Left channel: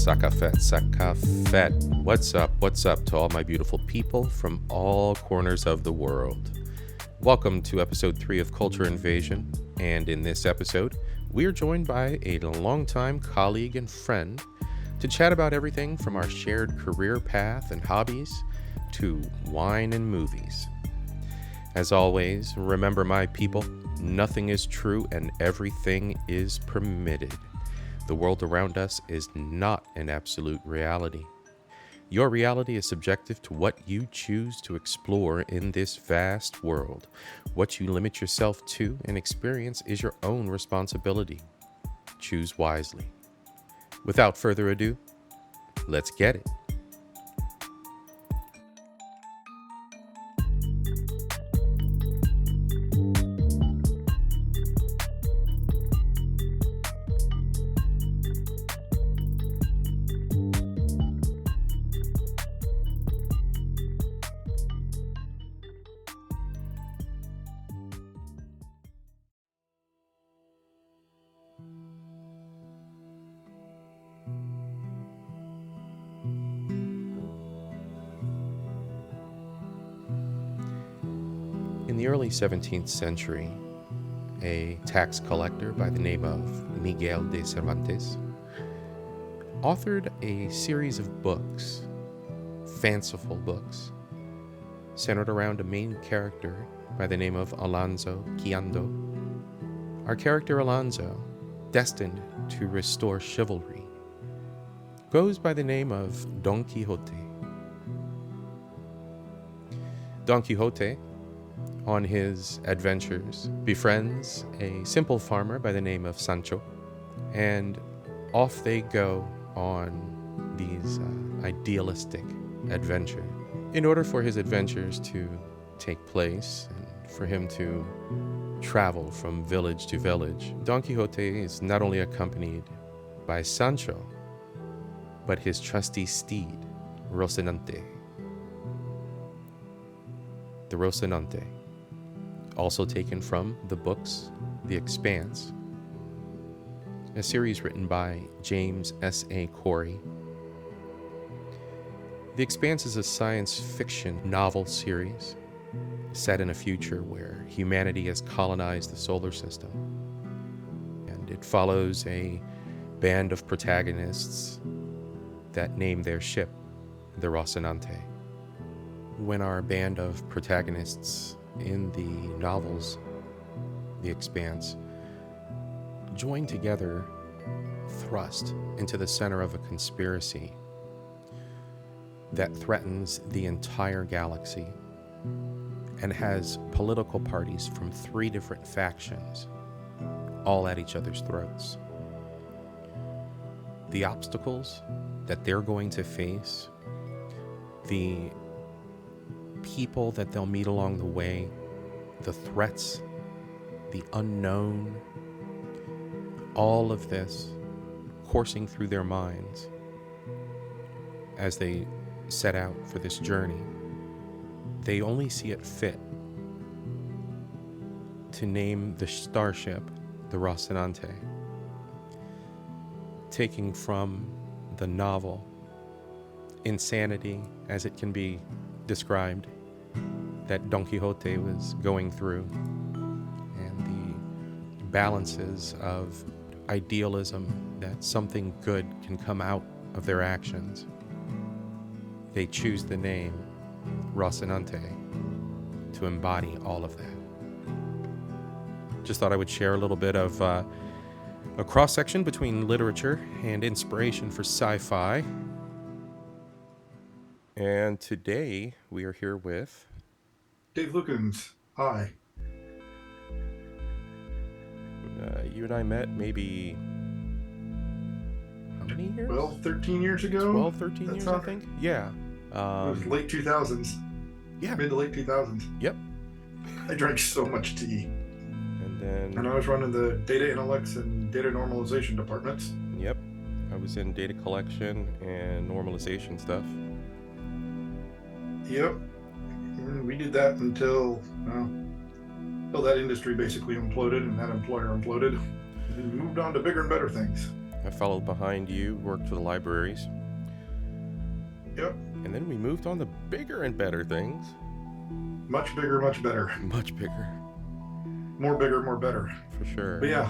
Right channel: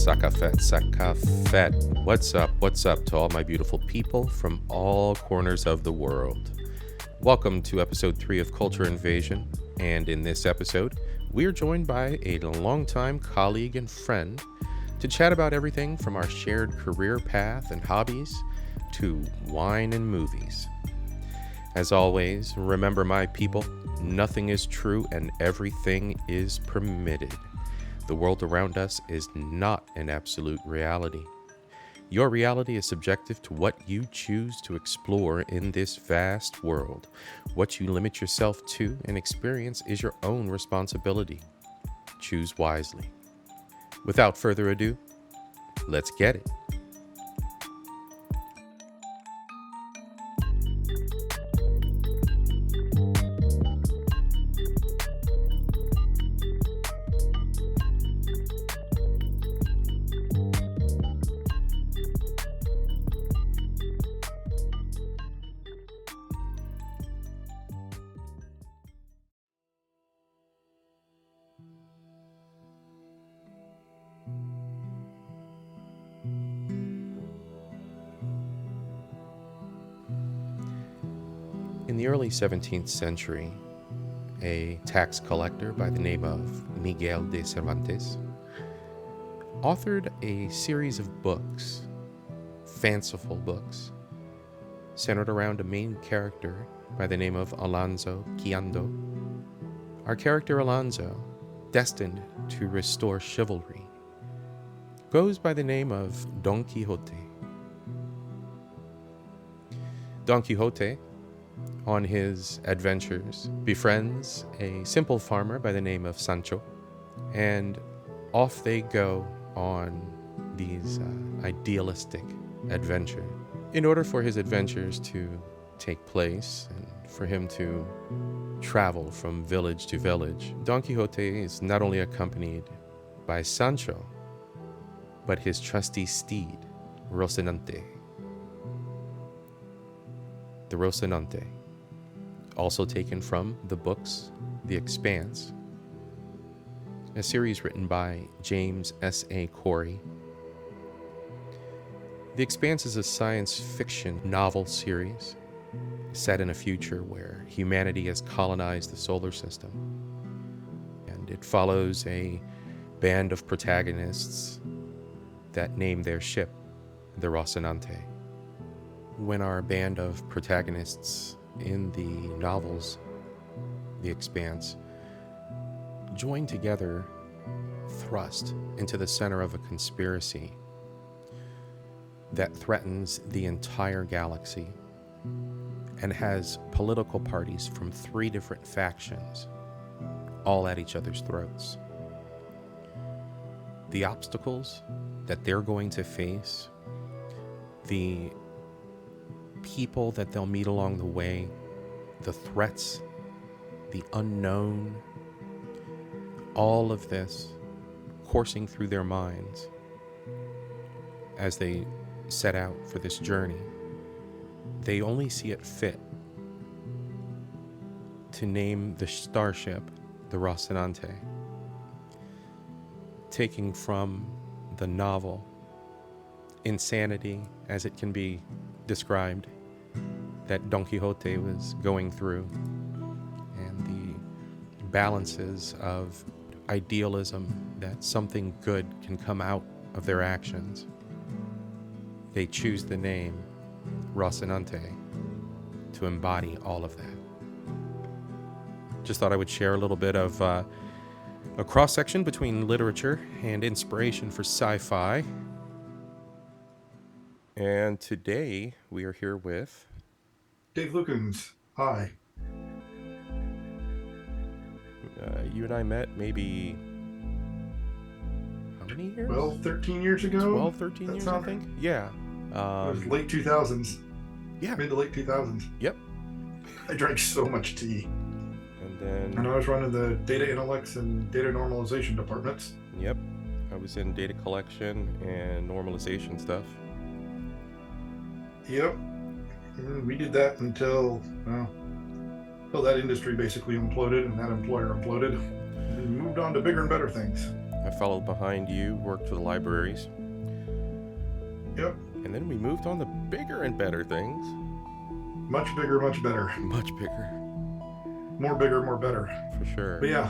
Sakafet. What's up to all my beautiful people from all corners of the world? Welcome to episode 3 of Culture Invasion, and in this episode, we are joined by a longtime colleague and friend to chat about everything from our shared career path and hobbies to wine and movies. As always, remember my people, nothing is true and everything is permitted. The world around us is not an absolute reality. Your reality is subjective to what you choose to explore in this vast world. What you limit yourself to and experience is your own responsibility. Choose wisely. Without further ado, let's get it. In the early 17th century, a tax collector by the name of Miguel de Cervantes authored a series of books, fanciful books, centered around a main character by the name of Alonso Quijano. Our character Alonso, destined to restore chivalry, goes by the name of Don Quixote. Don Quixote, on his adventures, befriends a simple farmer by the name of Sancho, and off they go on these idealistic adventures. In order for his adventures to take place and for him to travel from village to village, Don Quixote is not only accompanied by Sancho, but his trusty steed, Rocinante. The Rocinante, also taken from the books The Expanse, a series written by James S.A. Corey. The Expanse is a science fiction novel series set in a future where humanity has colonized the solar system, and it follows a band of protagonists that name their ship the Rocinante. When our band of protagonists in the novels The Expanse join together, thrust into the center of a conspiracy that threatens the entire galaxy and has political parties from 3 different factions, all at each other's throats. The obstacles that they're going to face, the people that they'll meet along the way, the threats, the unknown, all of this coursing through their minds as they set out for this journey. They only see it fit to name the starship the Rocinante, taking from the novel insanity as it can be described that Don Quixote was going through, and the balances of idealism that something good can come out of their actions. They choose the name Rocinante to embody all of that. Just thought I would share a little bit of a cross-section between literature and inspiration for sci-fi. And today we are here with Dave Lukens. Hi. You and I met maybe, how many years? 13 years ago. 12, 13 years, I think. Yeah. It was late 2000s. Yeah. Mid to late 2000s. Yep. I drank so much tea. And then, And I was running the data analytics and data normalization departments. yep, I was in data collection and normalization stuff. Yep. And we did that until that industry basically imploded and that employer imploded. And we moved on to bigger and better things. I followed behind you, worked for the libraries. Yep. And then we moved on to bigger and better things. Much bigger, much better. Much bigger. More bigger, more better. For sure. But yeah,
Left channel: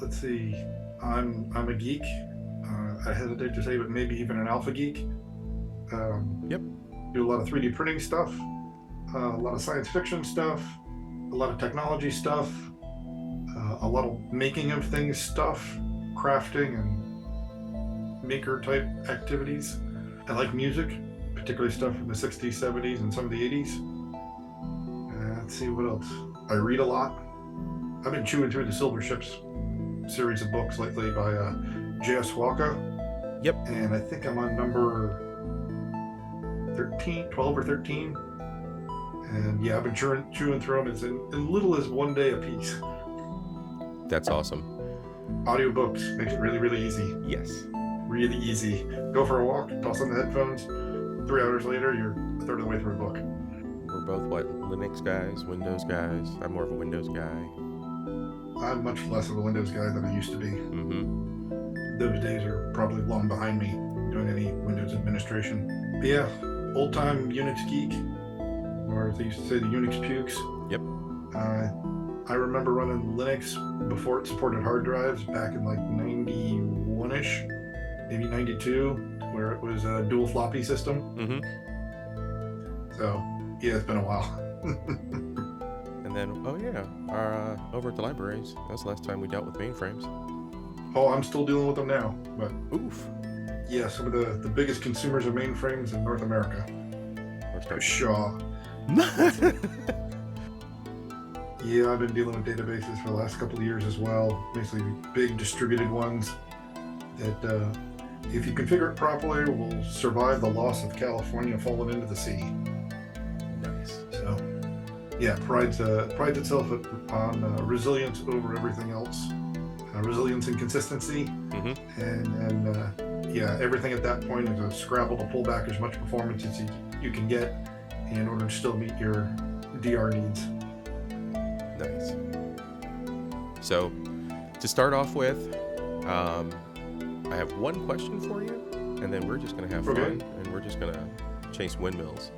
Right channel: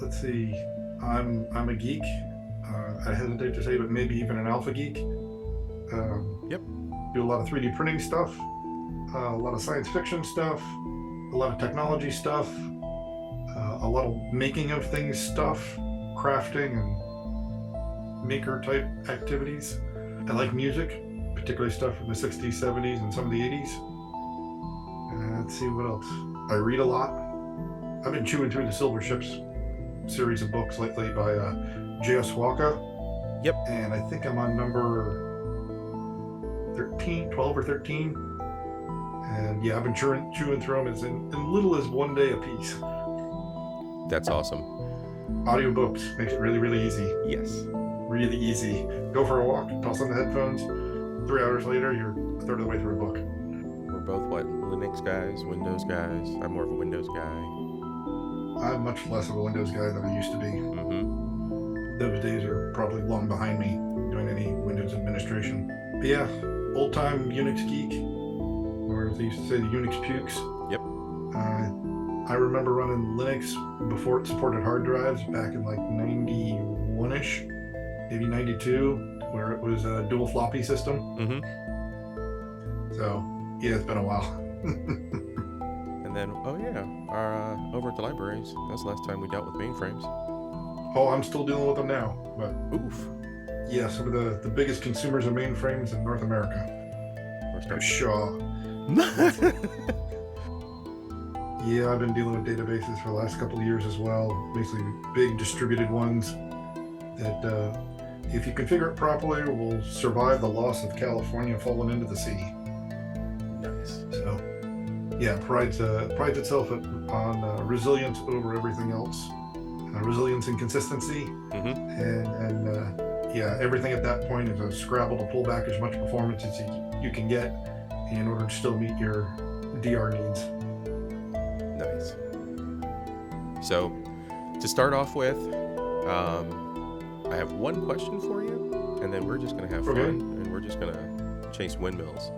let's see. I'm a geek. I hesitate to say, but maybe even an alpha geek. Yep. Do a lot of 3D printing stuff, a lot of science fiction stuff, a lot of technology stuff, a lot of making of things stuff, crafting and maker type activities. I like music, particularly stuff from the 60s, 70s, and some of the 80s. Let's see what else. I read a lot. I've been chewing through the Silver Ships series of books lately by J.S. Walker. Yep. And I think I'm on number 12 or 13. And yeah, I've been chewing through them as little as one day a piece. That's awesome. Audiobooks makes it really, really easy. Yes. Really easy. Go for a walk, toss on the headphones. 3 hours later, you're a third of the way through a book. We're both what? Linux guys, Windows guys. I'm more of a Windows guy. I'm much less of a Windows guy than I used to be. Mm-hmm. Those days are probably long behind me doing any Windows administration. But yeah, old-time Unix geek, or as they used to say, the Unix pukes. Yep. I remember running Linux before it supported hard drives back in like 91-ish, maybe 92, where it was a dual floppy system. Mm-hmm. So yeah, it's been a while. And then, over at the libraries, that's the last time we dealt with mainframes. Oh, I'm still dealing with them now, but Oof. yeah, some of the biggest consumers of mainframes in North America. We're starting. Shaw. Yeah, I've been dealing with databases for the last couple of years as well, basically big distributed ones that, if you configure it properly, will survive the loss of California falling into the sea. Nice. So, yeah, prides itself on resilience over everything else, resilience and consistency, Mm-hmm. and yeah, everything at that point is a scrabble to pull back as much performance as you can get in order to still meet your DR needs. Nice. So, to start off with, I have one question for you, and then we're just going to have fun, and we're just going to chase windmills.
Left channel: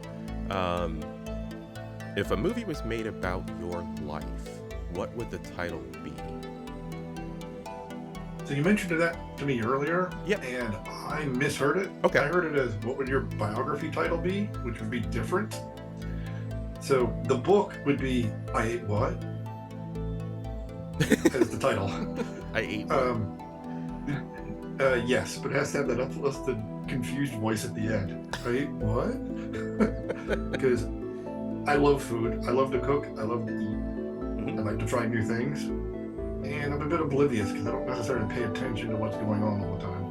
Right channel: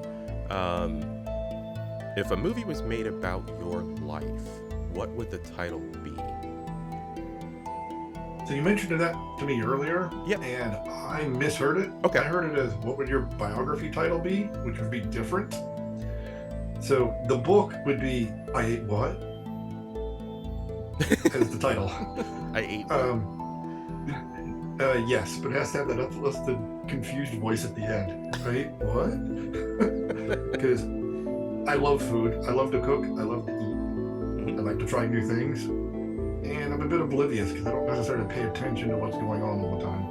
If a movie was made about your life, what would the title be? So you mentioned that to me earlier, Yep. and I misheard it. Okay. I heard it as, what would your biography title be, which would be different. So the book would be, I Ate What? As the title. I ate one. Yes, but it has to have that uplifted, confused voice at the end. Right? What? Because I love food. I love to cook. I love to eat. Mm-hmm. I like to try new things. And I'm a bit oblivious because I don't necessarily pay attention to what's going on all the time.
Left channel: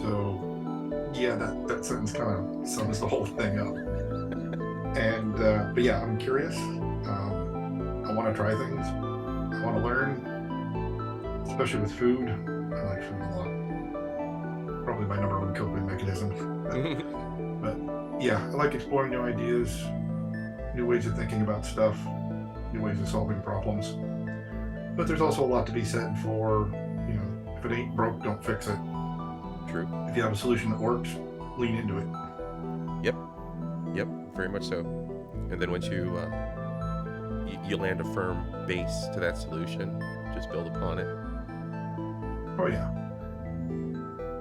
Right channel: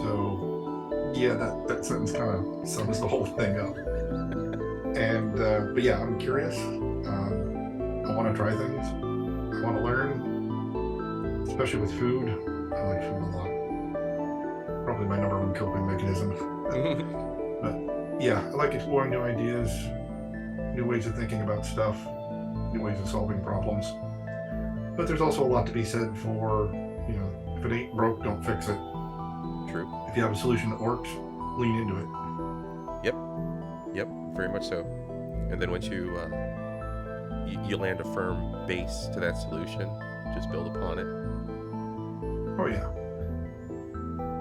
So, yeah, that sentence kind of sums the whole thing up. And, but yeah, I'm curious. I want to try things. I want to learn, especially with food. I like food a lot. Probably my number one coping mechanism. But yeah, I like exploring new ideas, new ways of thinking about stuff, new ways of solving problems. But there's also a lot to be said for, if it ain't broke, don't fix it. True. If you have a solution that works, lean into it. Yep, very much so. And then once you land a firm base to that solution, just build upon it. Oh yeah.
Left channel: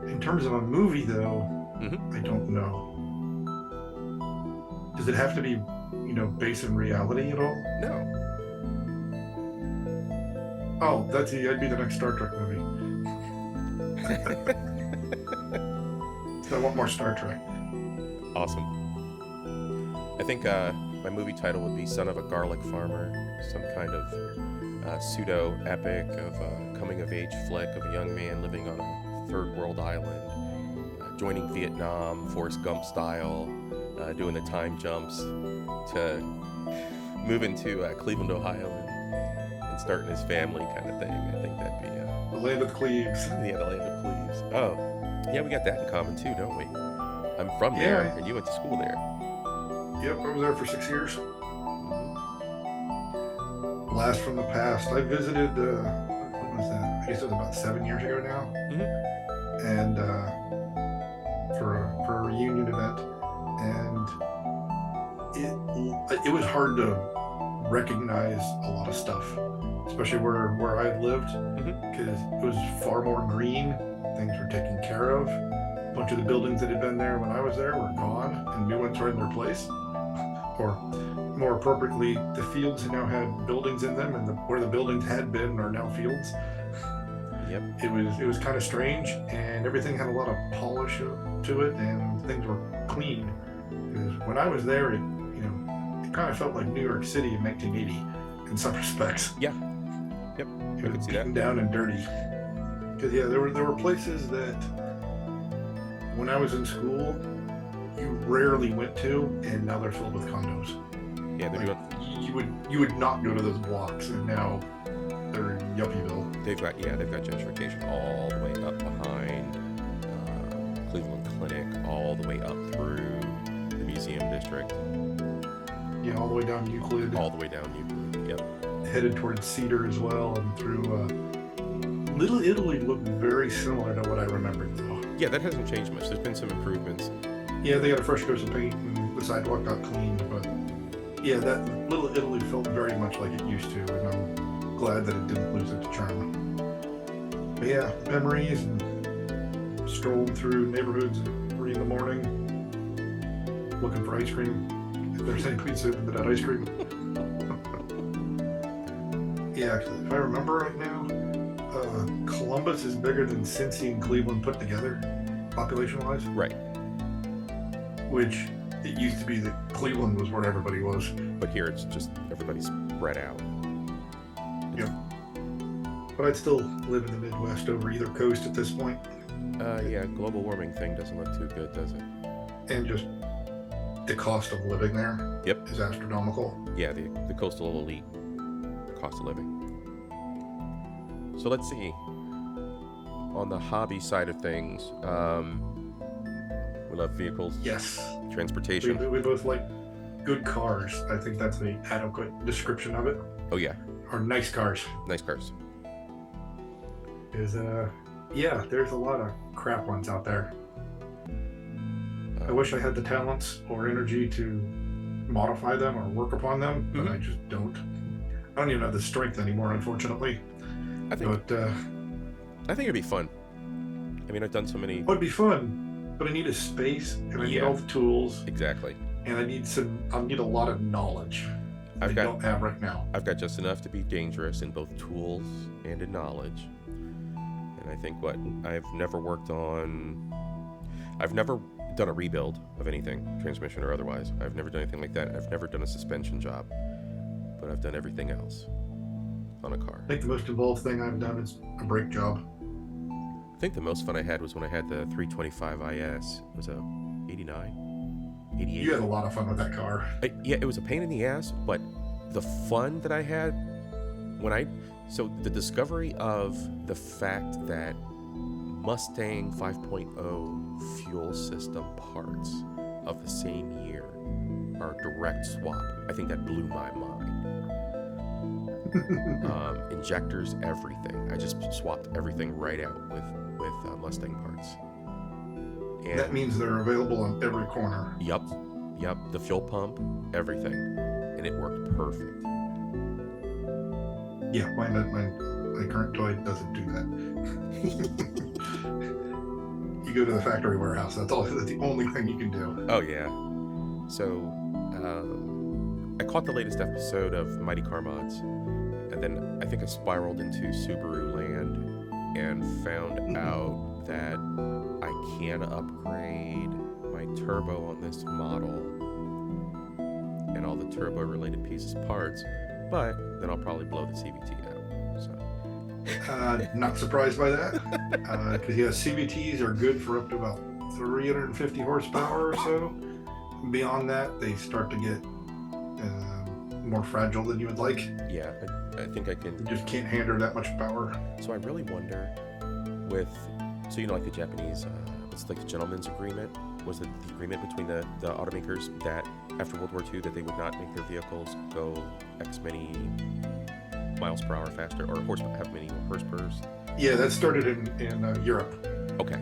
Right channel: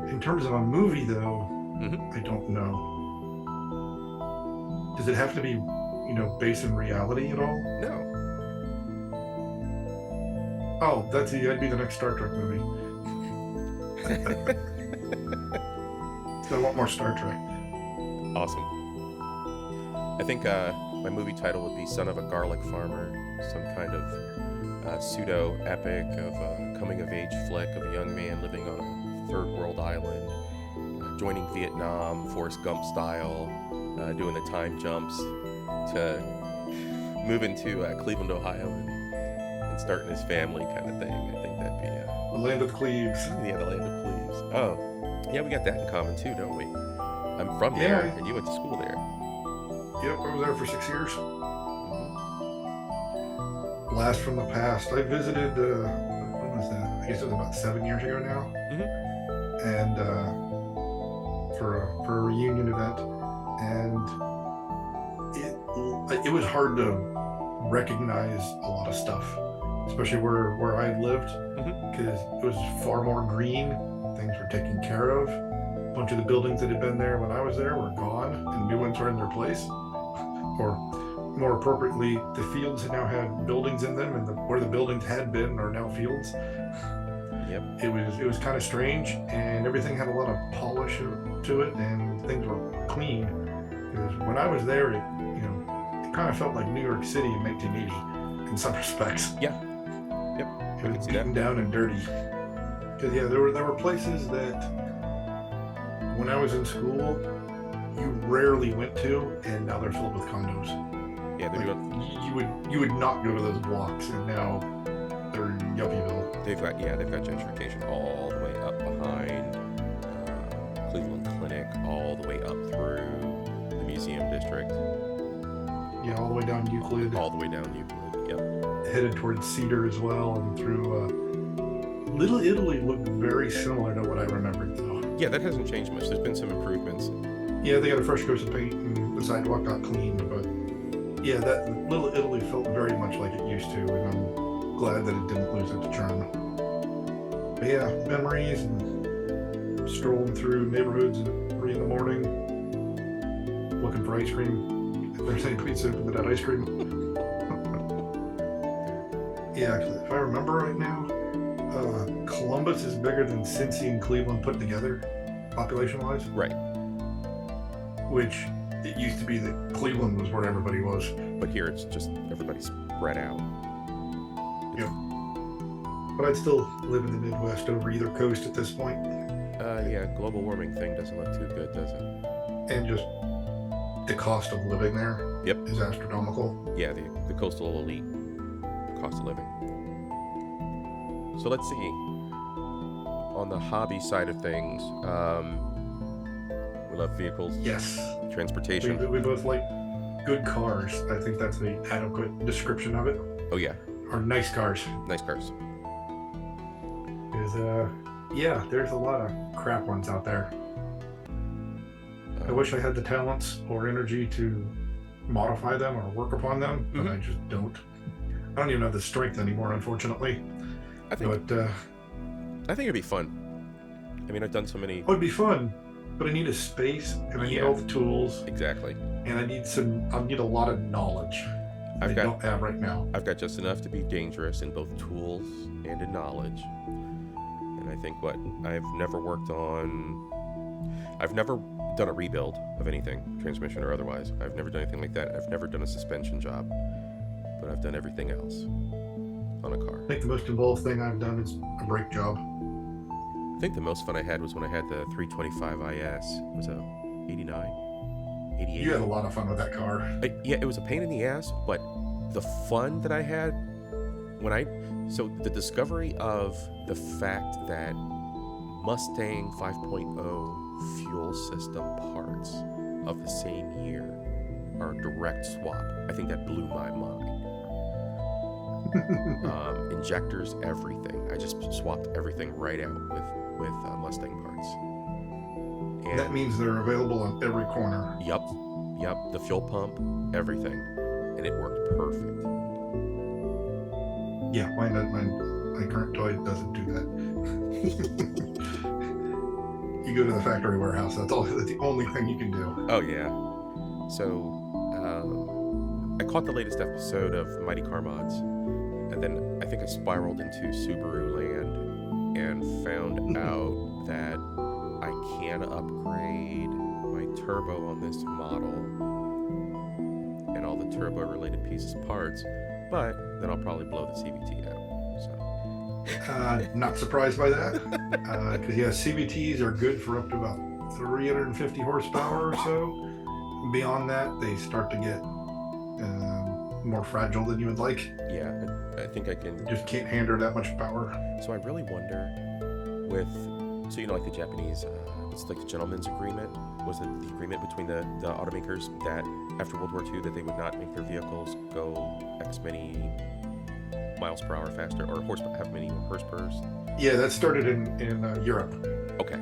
In terms of a movie, though, Mm-hmm. I don't know. Does it have to be, based in reality at all? No. Oh, that'd be the next Star Trek movie. I want more Star Trek. Awesome. I think my movie title would be Son of a Garlic Farmer, some kind of pseudo-epic of a coming-of-age flick of a young man living on a third-world island, joining Vietnam, Forrest Gump style, doing the time jumps to moving to Cleveland, Ohio, and starting his family kind of thing. I think that'd be The land of the Cleves. yeah, the land of Cleves. Oh, yeah, we got that in common too, don't we? I'm from there, Yeah. and you went to school there. Yep, I was there for 6 years. Mm-hmm. Blast from the past. I visited, when was that? I guess it was about 7 years ago now. Mm-hmm. And for a reunion event. And it was hard to recognize a lot of stuff, especially where I lived, because it was far more green. Things were taken care of. A bunch of the buildings that had been there when I was there were gone, and new ones were in their place. Or more appropriately, the fields had now had buildings in them, and where the buildings had been are now fields. Yep. It was kind of strange, and everything had a lot of polish to it, and things were clean. Because when I was there, it kind of felt like New York City in 1980 in some respects. Yeah. Yep. It was beaten down and dirty. Because there were places that when I was in school you rarely went to, and now they're filled with condos. Yeah, they're doing. You would not go to those blocks, and now they're in Yuppieville. They've got gentrification all the way up behind Cleveland Clinic, all the way up through the Museum District. Yeah, all the way down Euclid. All the way down Euclid. Yep. Headed towards Cedar as well, and through Little Italy looked very similar to what I remembered, though. Yeah, that hasn't changed much. There's been some improvements. Yeah, they got a fresh coat of paint, and the sidewalk got cleaned, but yeah, that Little Italy felt very much like it used to, and I'm glad that it didn't lose its charm. But yeah, memories, and strolling through neighborhoods at 3 in the morning, looking for ice cream. If there's any pizza into that ice cream. Yeah, if I remember right now, Columbus is bigger than Cincy and Cleveland put together, population-wise. Right. Which it used to be that Cleveland was where everybody was. But here it's just everybody's spread out. Yep. But I'd still live in the Midwest over either coast at this point. Yeah, global warming thing doesn't look too good, does it? And just the cost of living there is astronomical. Yeah, the coastal elite cost of living. So let's see. On the hobby side of things, we love vehicles. Yes. Transportation. We both like good cars. I think that's the adequate description of it. Oh, yeah. Or nice cars. Nice cars. There's a lot of crap ones out there. I wish I had the talents or energy to modify them or work upon them, but I just don't. I don't even have the strength anymore, unfortunately. I think it'd be fun. I mean, I've done so many. It would be fun, but I need a space, and I need all the tools. Exactly. And I need a lot of knowledge. I don't have right now. I've got just enough to be dangerous in both tools and in knowledge. And I think I've never done a rebuild of anything, transmission or otherwise. I've never done anything like that. I've never done a suspension job, but I've done everything else on a car. I think the most involved thing I've done is a brake job. I think the most fun I had was when I had the 325 IS. It was a 89, 88. You had a lot of fun with that car. Yeah, it was a pain in the ass, but the fun that I had so the discovery of the fact that Mustang 5.0 fuel system parts of the same year are a direct swap. I think that blew my mind. Injectors, everything. I just swapped everything right out with Mustang parts. And that means they're available on every corner. Yep. The fuel pump, everything, and it worked perfect. Yeah, my current toy doesn't do that. You go to the factory warehouse. That's the only thing you can do. Oh yeah. So I caught the latest episode of Mighty Car Mods, and then I think I spiraled into Subaru land and found out that I can upgrade my turbo on this model and all the turbo related pieces parts, but then I'll probably blow the CVT out. So not surprised by that, because CVTs are good for up to about 350 horsepower or so. Beyond that, they start to get more fragile than you would like. Yeah, I think I can. It just can't handle that much power. So I really wonder with, so like the Japanese, it's like the gentleman's agreement. Was it the agreement between the automakers that after World War II that they would not make their vehicles go X many miles per hour faster or have many horsepowers? Yeah, that started in Europe. Okay.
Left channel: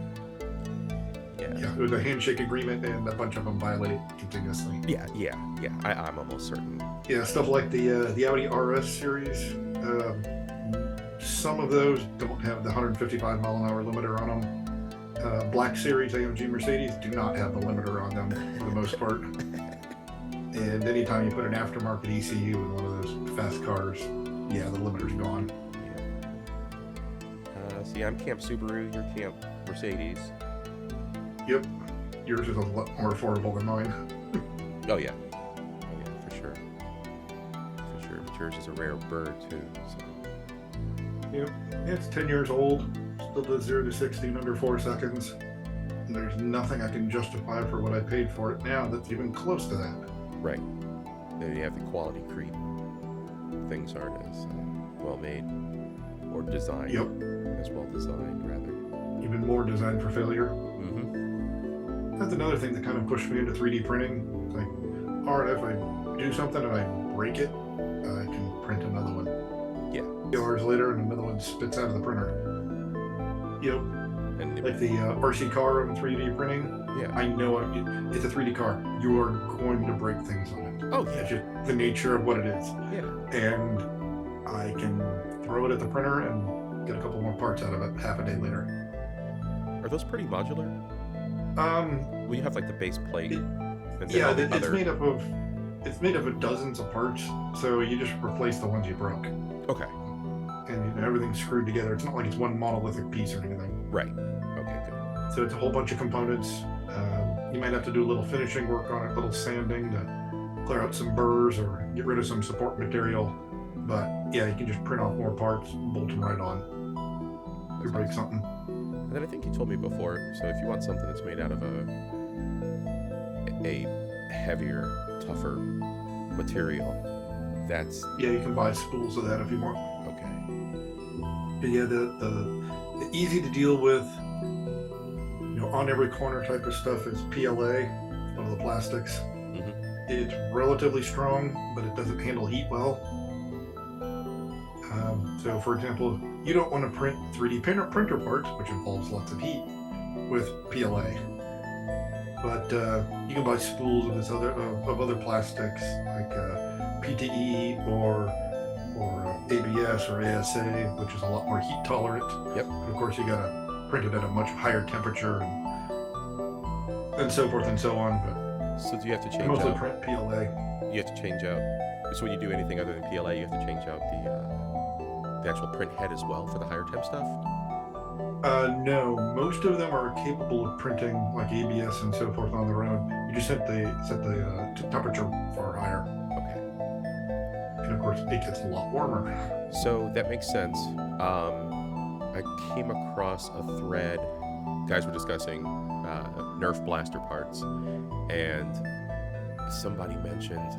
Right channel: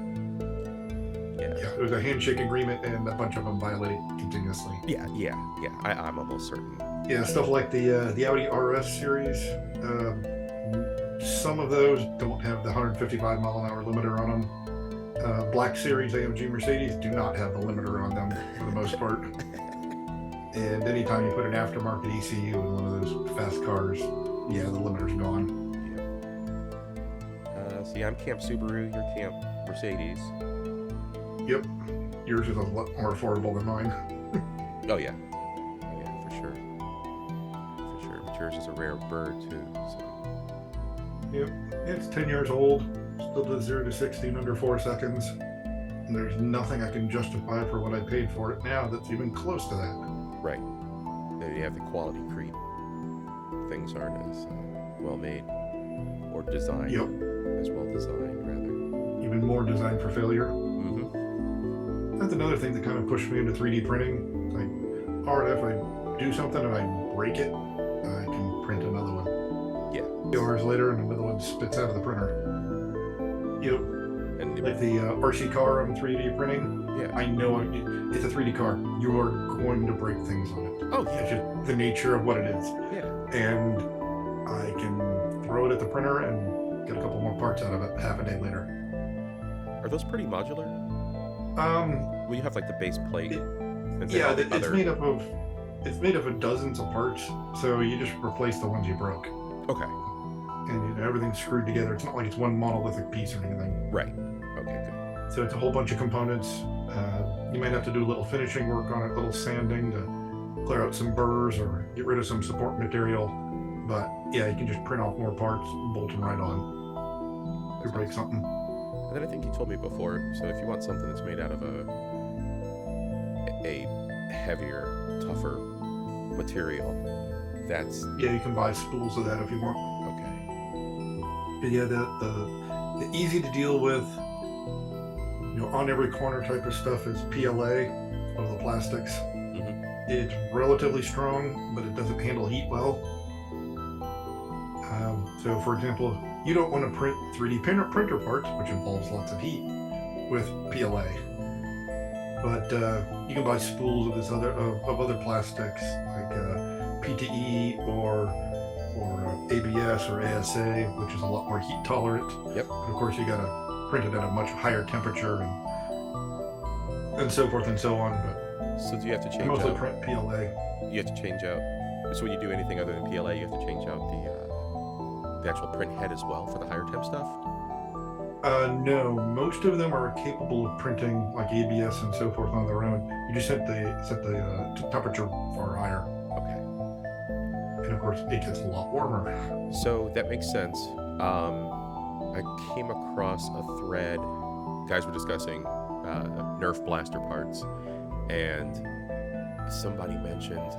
Yeah, it was a handshake agreement, and a bunch of them violate it continuously. Yeah. I'm almost certain. Yeah, stuff like the Audi RS series. Some of those don't have the 155 mile an hour limiter on them. Black Series AMG Mercedes do not have the limiter on them for the most part. And anytime you put an aftermarket ECU in one of those fast cars, yeah, the limiter's gone. Yeah. See, I'm Camp Subaru, you're Camp Mercedes. Yep. Yours is a lot more affordable than mine. Oh yeah, for sure. But yours is a rare bird too. So. Yep. It's 10 years old. Still does 0 to 60 in under 4 seconds. And there's nothing I can justify for what I paid for it now that's even close to that. Right. Then you have the quality creep. Things aren't as well made or designed. Yep. As well designed, rather. Even more designed for failure. Mm-hmm. That's another thing that kind of pushed me into 3D printing. It's like, all right, if I do something and I break it, I can print another one. Yeah. 2 hours later, and another one spits out of the printer. Yep. And like the RC car on 3D printing. Yeah. I know it's a 3D car. You are going to break things on it. Oh, yeah. It's just the nature of what it is. Yeah. And I can throw it at the printer and get a couple more parts out of it half a day later. Are those pretty modular? Well, you have like the base plate. And then yeah, all the it's other... made up of dozens of parts. So you just replace the ones you broke. Okay. And everything's screwed together. It's not like it's one monolithic piece or anything. Right. Okay, good. So it's a whole bunch of components. You might have to do a little finishing work on it, a little sanding to clear out some burrs or get rid of some support material. But yeah, you can just print off more parts, bolt them right on. You break something. And then I think you told me before, so if you want something that's made out of a heavier, tougher material, that's... Yeah, you can buy spools of that if you want. Okay. But yeah, the easy to deal with, on every corner type of stuff is PLA, one of the plastics. Mm-hmm. It's relatively strong, but it doesn't handle heat well. So for example, you don't want to print 3D printer parts, which involves lots of heat, with PLA. But you can buy spools of other plastics like PTE or ABS or ASA, which is a lot more heat tolerant. Yep. But of course, you gotta print it at a much higher temperature and so forth and so on. But so do you have to change mostly out? print PLA. You have to change out. So when you do anything other than PLA, you have to change out the actual print head as well for the higher temp stuff. No, most of them are capable of printing like ABS and so forth on their own. You just set the temperature far higher. Okay. And of course, it gets a lot warmer. So that makes sense. I came across a thread. Guys were discussing Nerf blaster parts, and somebody mentioned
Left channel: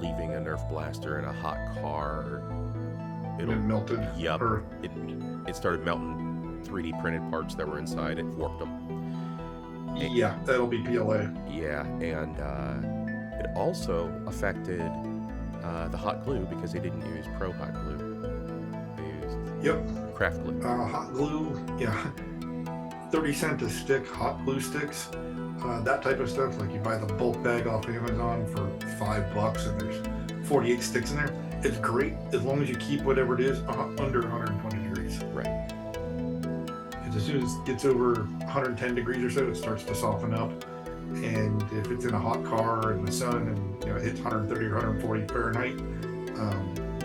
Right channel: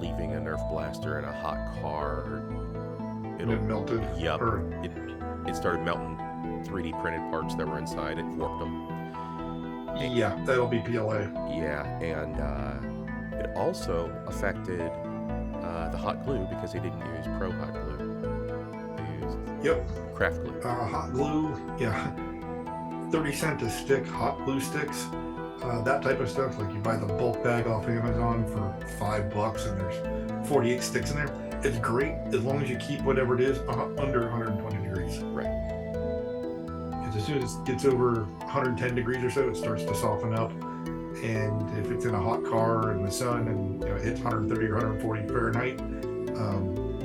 leaving a Nerf blaster in a hot car. It melted. Yep. It started melting 3D printed parts that were inside. It warped them. Yeah, that'll be PLA. Yeah, and it also affected the hot glue because they didn't use pro hot glue. They used craft glue. Hot glue, yeah. 30 cents a stick, hot glue sticks. That type of stuff, like you buy the bulk bag off Amazon for $5 and there's 48 sticks in there. It's great as long as you keep whatever it is under 120 degrees. Right. Because as soon as it gets over 110 degrees or so, it starts to soften up. And if it's in a hot car in the sun and it hits 130 or 140 Fahrenheit,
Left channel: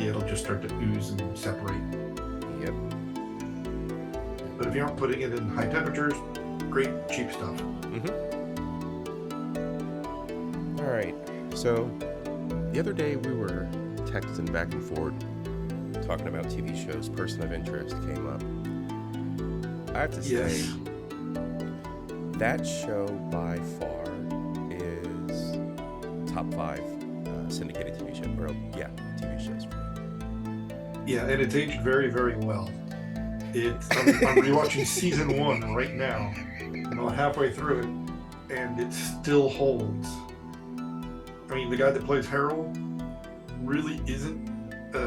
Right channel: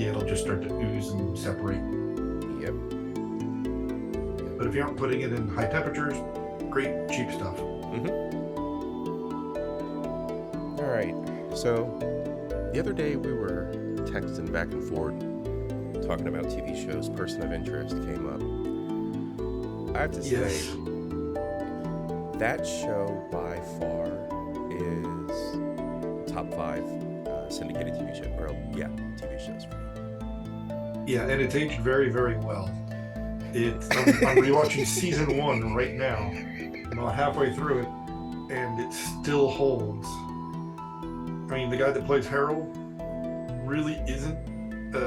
it'll just start to ooze and separate. Yep. But if you're not putting it in high temperatures, great, cheap stuff. Mm-hmm. All right. So the other day we were texting back and forth, talking about TV shows. Person of Interest came up. I have to say, that show by far is top 5 syndicated TV show, or yeah, TV shows for me. Yeah, and it's aged very, very well. I'm rewatching season 1 right now. I'm about halfway through it, and it still holds. I mean, the guy that plays Harold really isn't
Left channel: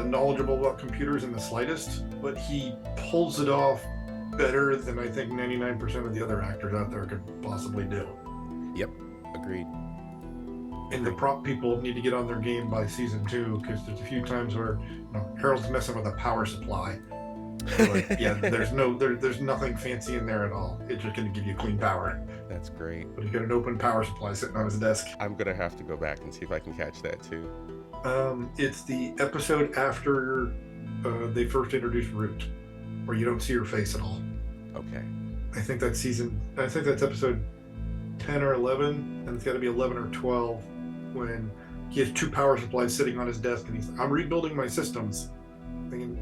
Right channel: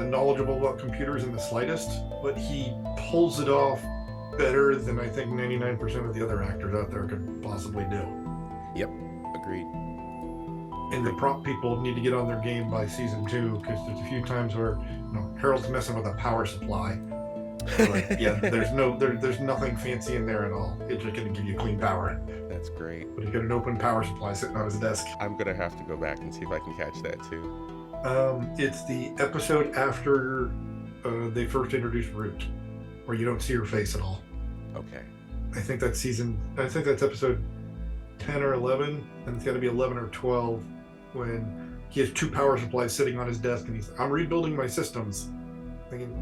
knowledgeable about computers in the slightest, but he pulls it off better than I think 99% of the other actors out there could possibly do. Yep, agreed. And the prop people need to get on their game by season 2, because there's a few times where Harold's messing with a power supply. Like, yeah, there's nothing fancy in there at all. It's just going to give you clean power. That's great. But he's got an open power supply sitting on his desk. I'm gonna have to go back and see if I can catch that too. It's the episode after they first introduced Root, where you don't see her face at all. Okay. I think that's episode 10 or 11, and it's got to be 11 or 12, when he has 2 power supplies sitting on his desk, and I'm rebuilding my systems. Thinking,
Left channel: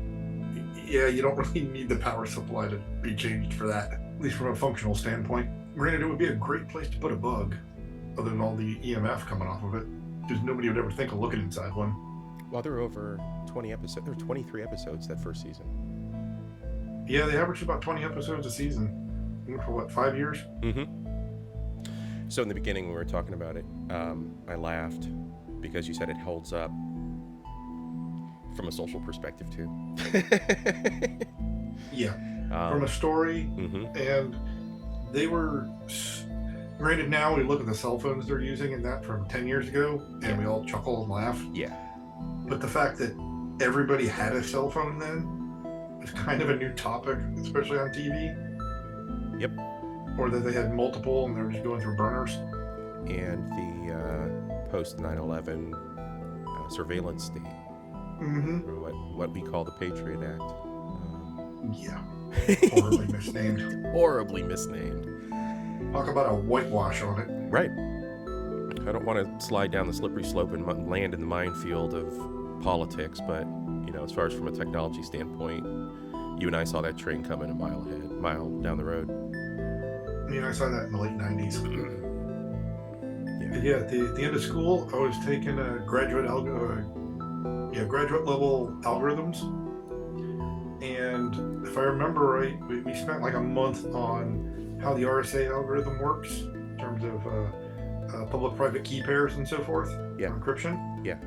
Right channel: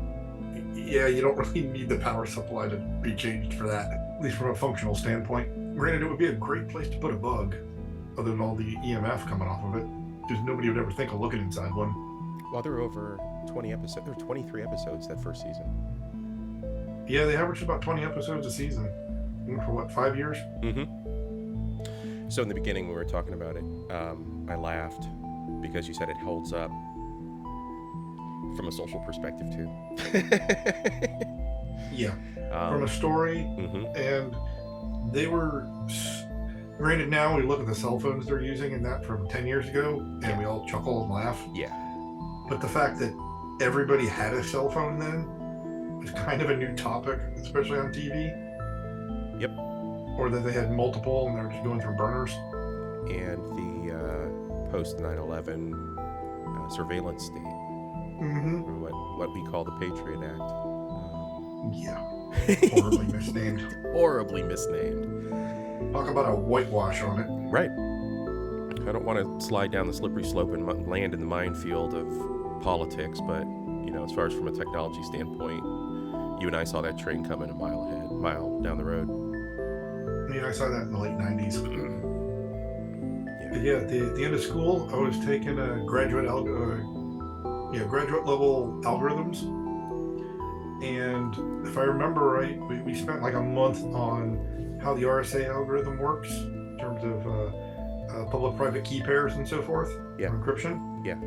yeah, you don't really need the power supply to be changed for that, at least from a functional standpoint. Granted, it would be a great place to put a bug, other than all the EMF coming off of it, because nobody would ever think of looking inside one. Well, there were over 20 episodes. There were 23 episodes that first season. Yeah, they averaged about 20 episodes a season. For what, 5 years? Mm-hmm. So in the beginning, when we were talking about it, I laughed because you said it holds up from a social perspective too. Yeah, from a story, and they were. Granted, now we look at the cell phones they're using and that from 10 years ago, and we all chuckle and laugh. Yeah. But the fact that everybody had a cell phone then is kind of a new topic, especially on TV. Yep. Or that they had multiple and they were just going through burners. And the post 9/11 surveillance state, or what we call the Patriot Act. Yeah. Horribly misnamed. Horribly misnamed. Talk about a whitewash on it. Right. I don't want to slide down the slippery slope and land in the minefield of politics, but as far as from a technology standpoint, you and I saw that train coming a mile down the road. Yeah, I saw that in the late 90s. Yeah, at the end of school, I was taking a graduate level algorithms, and if I remember right, we spent like a month on how the RSA algorithm works in terms of public-private key pairs and so forth, encryption. Yeah.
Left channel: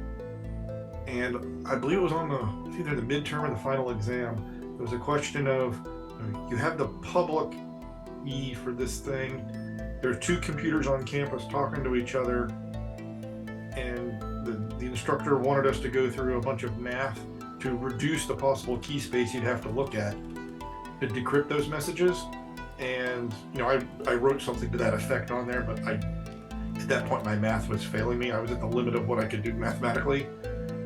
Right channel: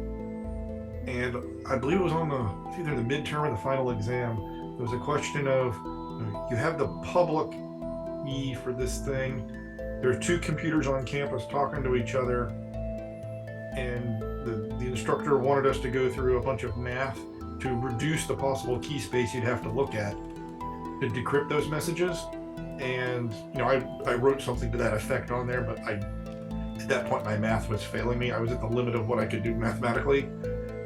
And I believe it was either the midterm or the final exam. There was a question of, you have the public key for this thing. There are 2 computers on campus talking to each other, and the instructor wanted us to go through a bunch of math to reduce the possible key space you'd have to look at to decrypt those messages. And I wrote something to that effect on there, but at that point my math was failing me. I was at the limit of what I could do mathematically,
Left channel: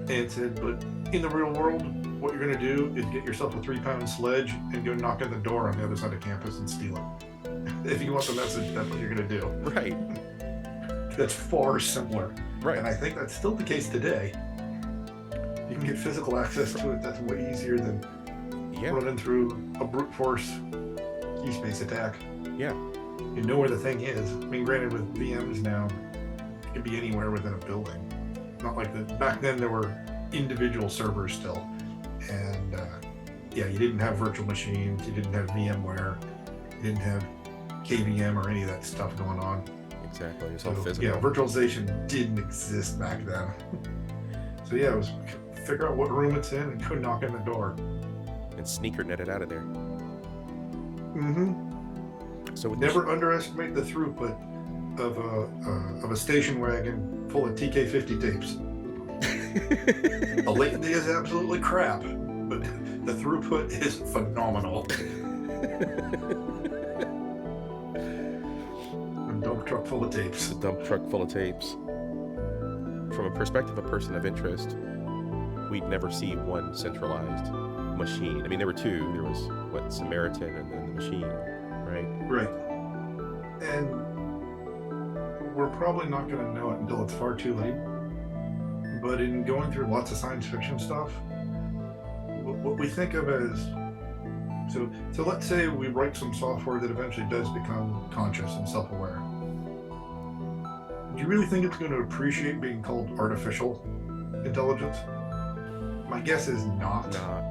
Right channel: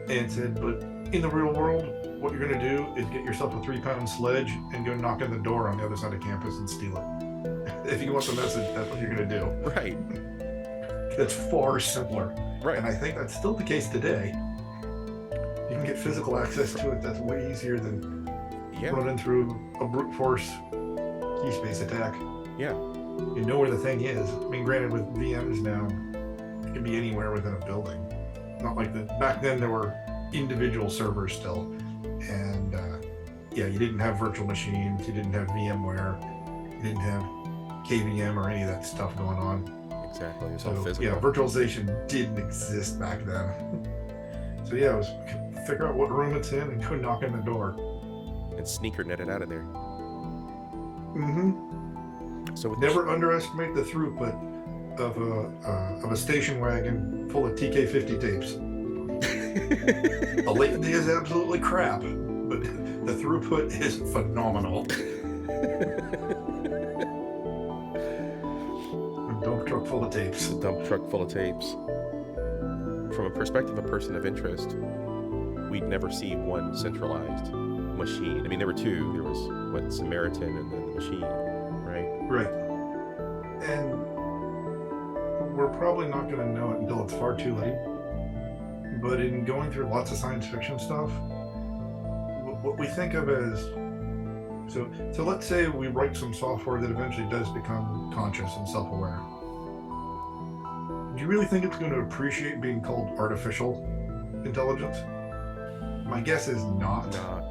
and said, but in the real world, what you're going to do is get yourself a 3-pound sledge and go knock on the door on the other side of campus and steal it. If you want the message, that's what you're going to do. Right. That's far simpler. Right. And I think that's still the case today. You can get physical access to it. That's way easier than running through a brute force key space attack. Yeah. You know where the thing is. I mean, granted, with VMs now, it can be anywhere within a building. Not like that. Back then, there were individual servers still. And you didn't have virtual machines. You didn't have VMware. You didn't have KVM or any of that stuff going on. Exactly. It was all physical. Yeah, virtualization didn't exist back then. So it was figure out what room it's in and go knock on the door. And sneaker net it out of there. So never underestimate the throughput of a station wagon full of TK50 tapes. The latency is absolutely crap, but the throughput is phenomenal. A dump truck full of tapes. A dump truck full of tapes. From a perspective of a person of interest, we'd never see one centralized machine. I mean, there were 2. There was Samaritan and then the machine, right? Right. And we're probably not going to know it until it's far too late. But in going through lots of science fiction stuff, what we think of as... So let's say we write some software that eventually does become conscious and self-aware. Do you really think it's going to appreciate being called artificial? intelligence? My guess is not. Not.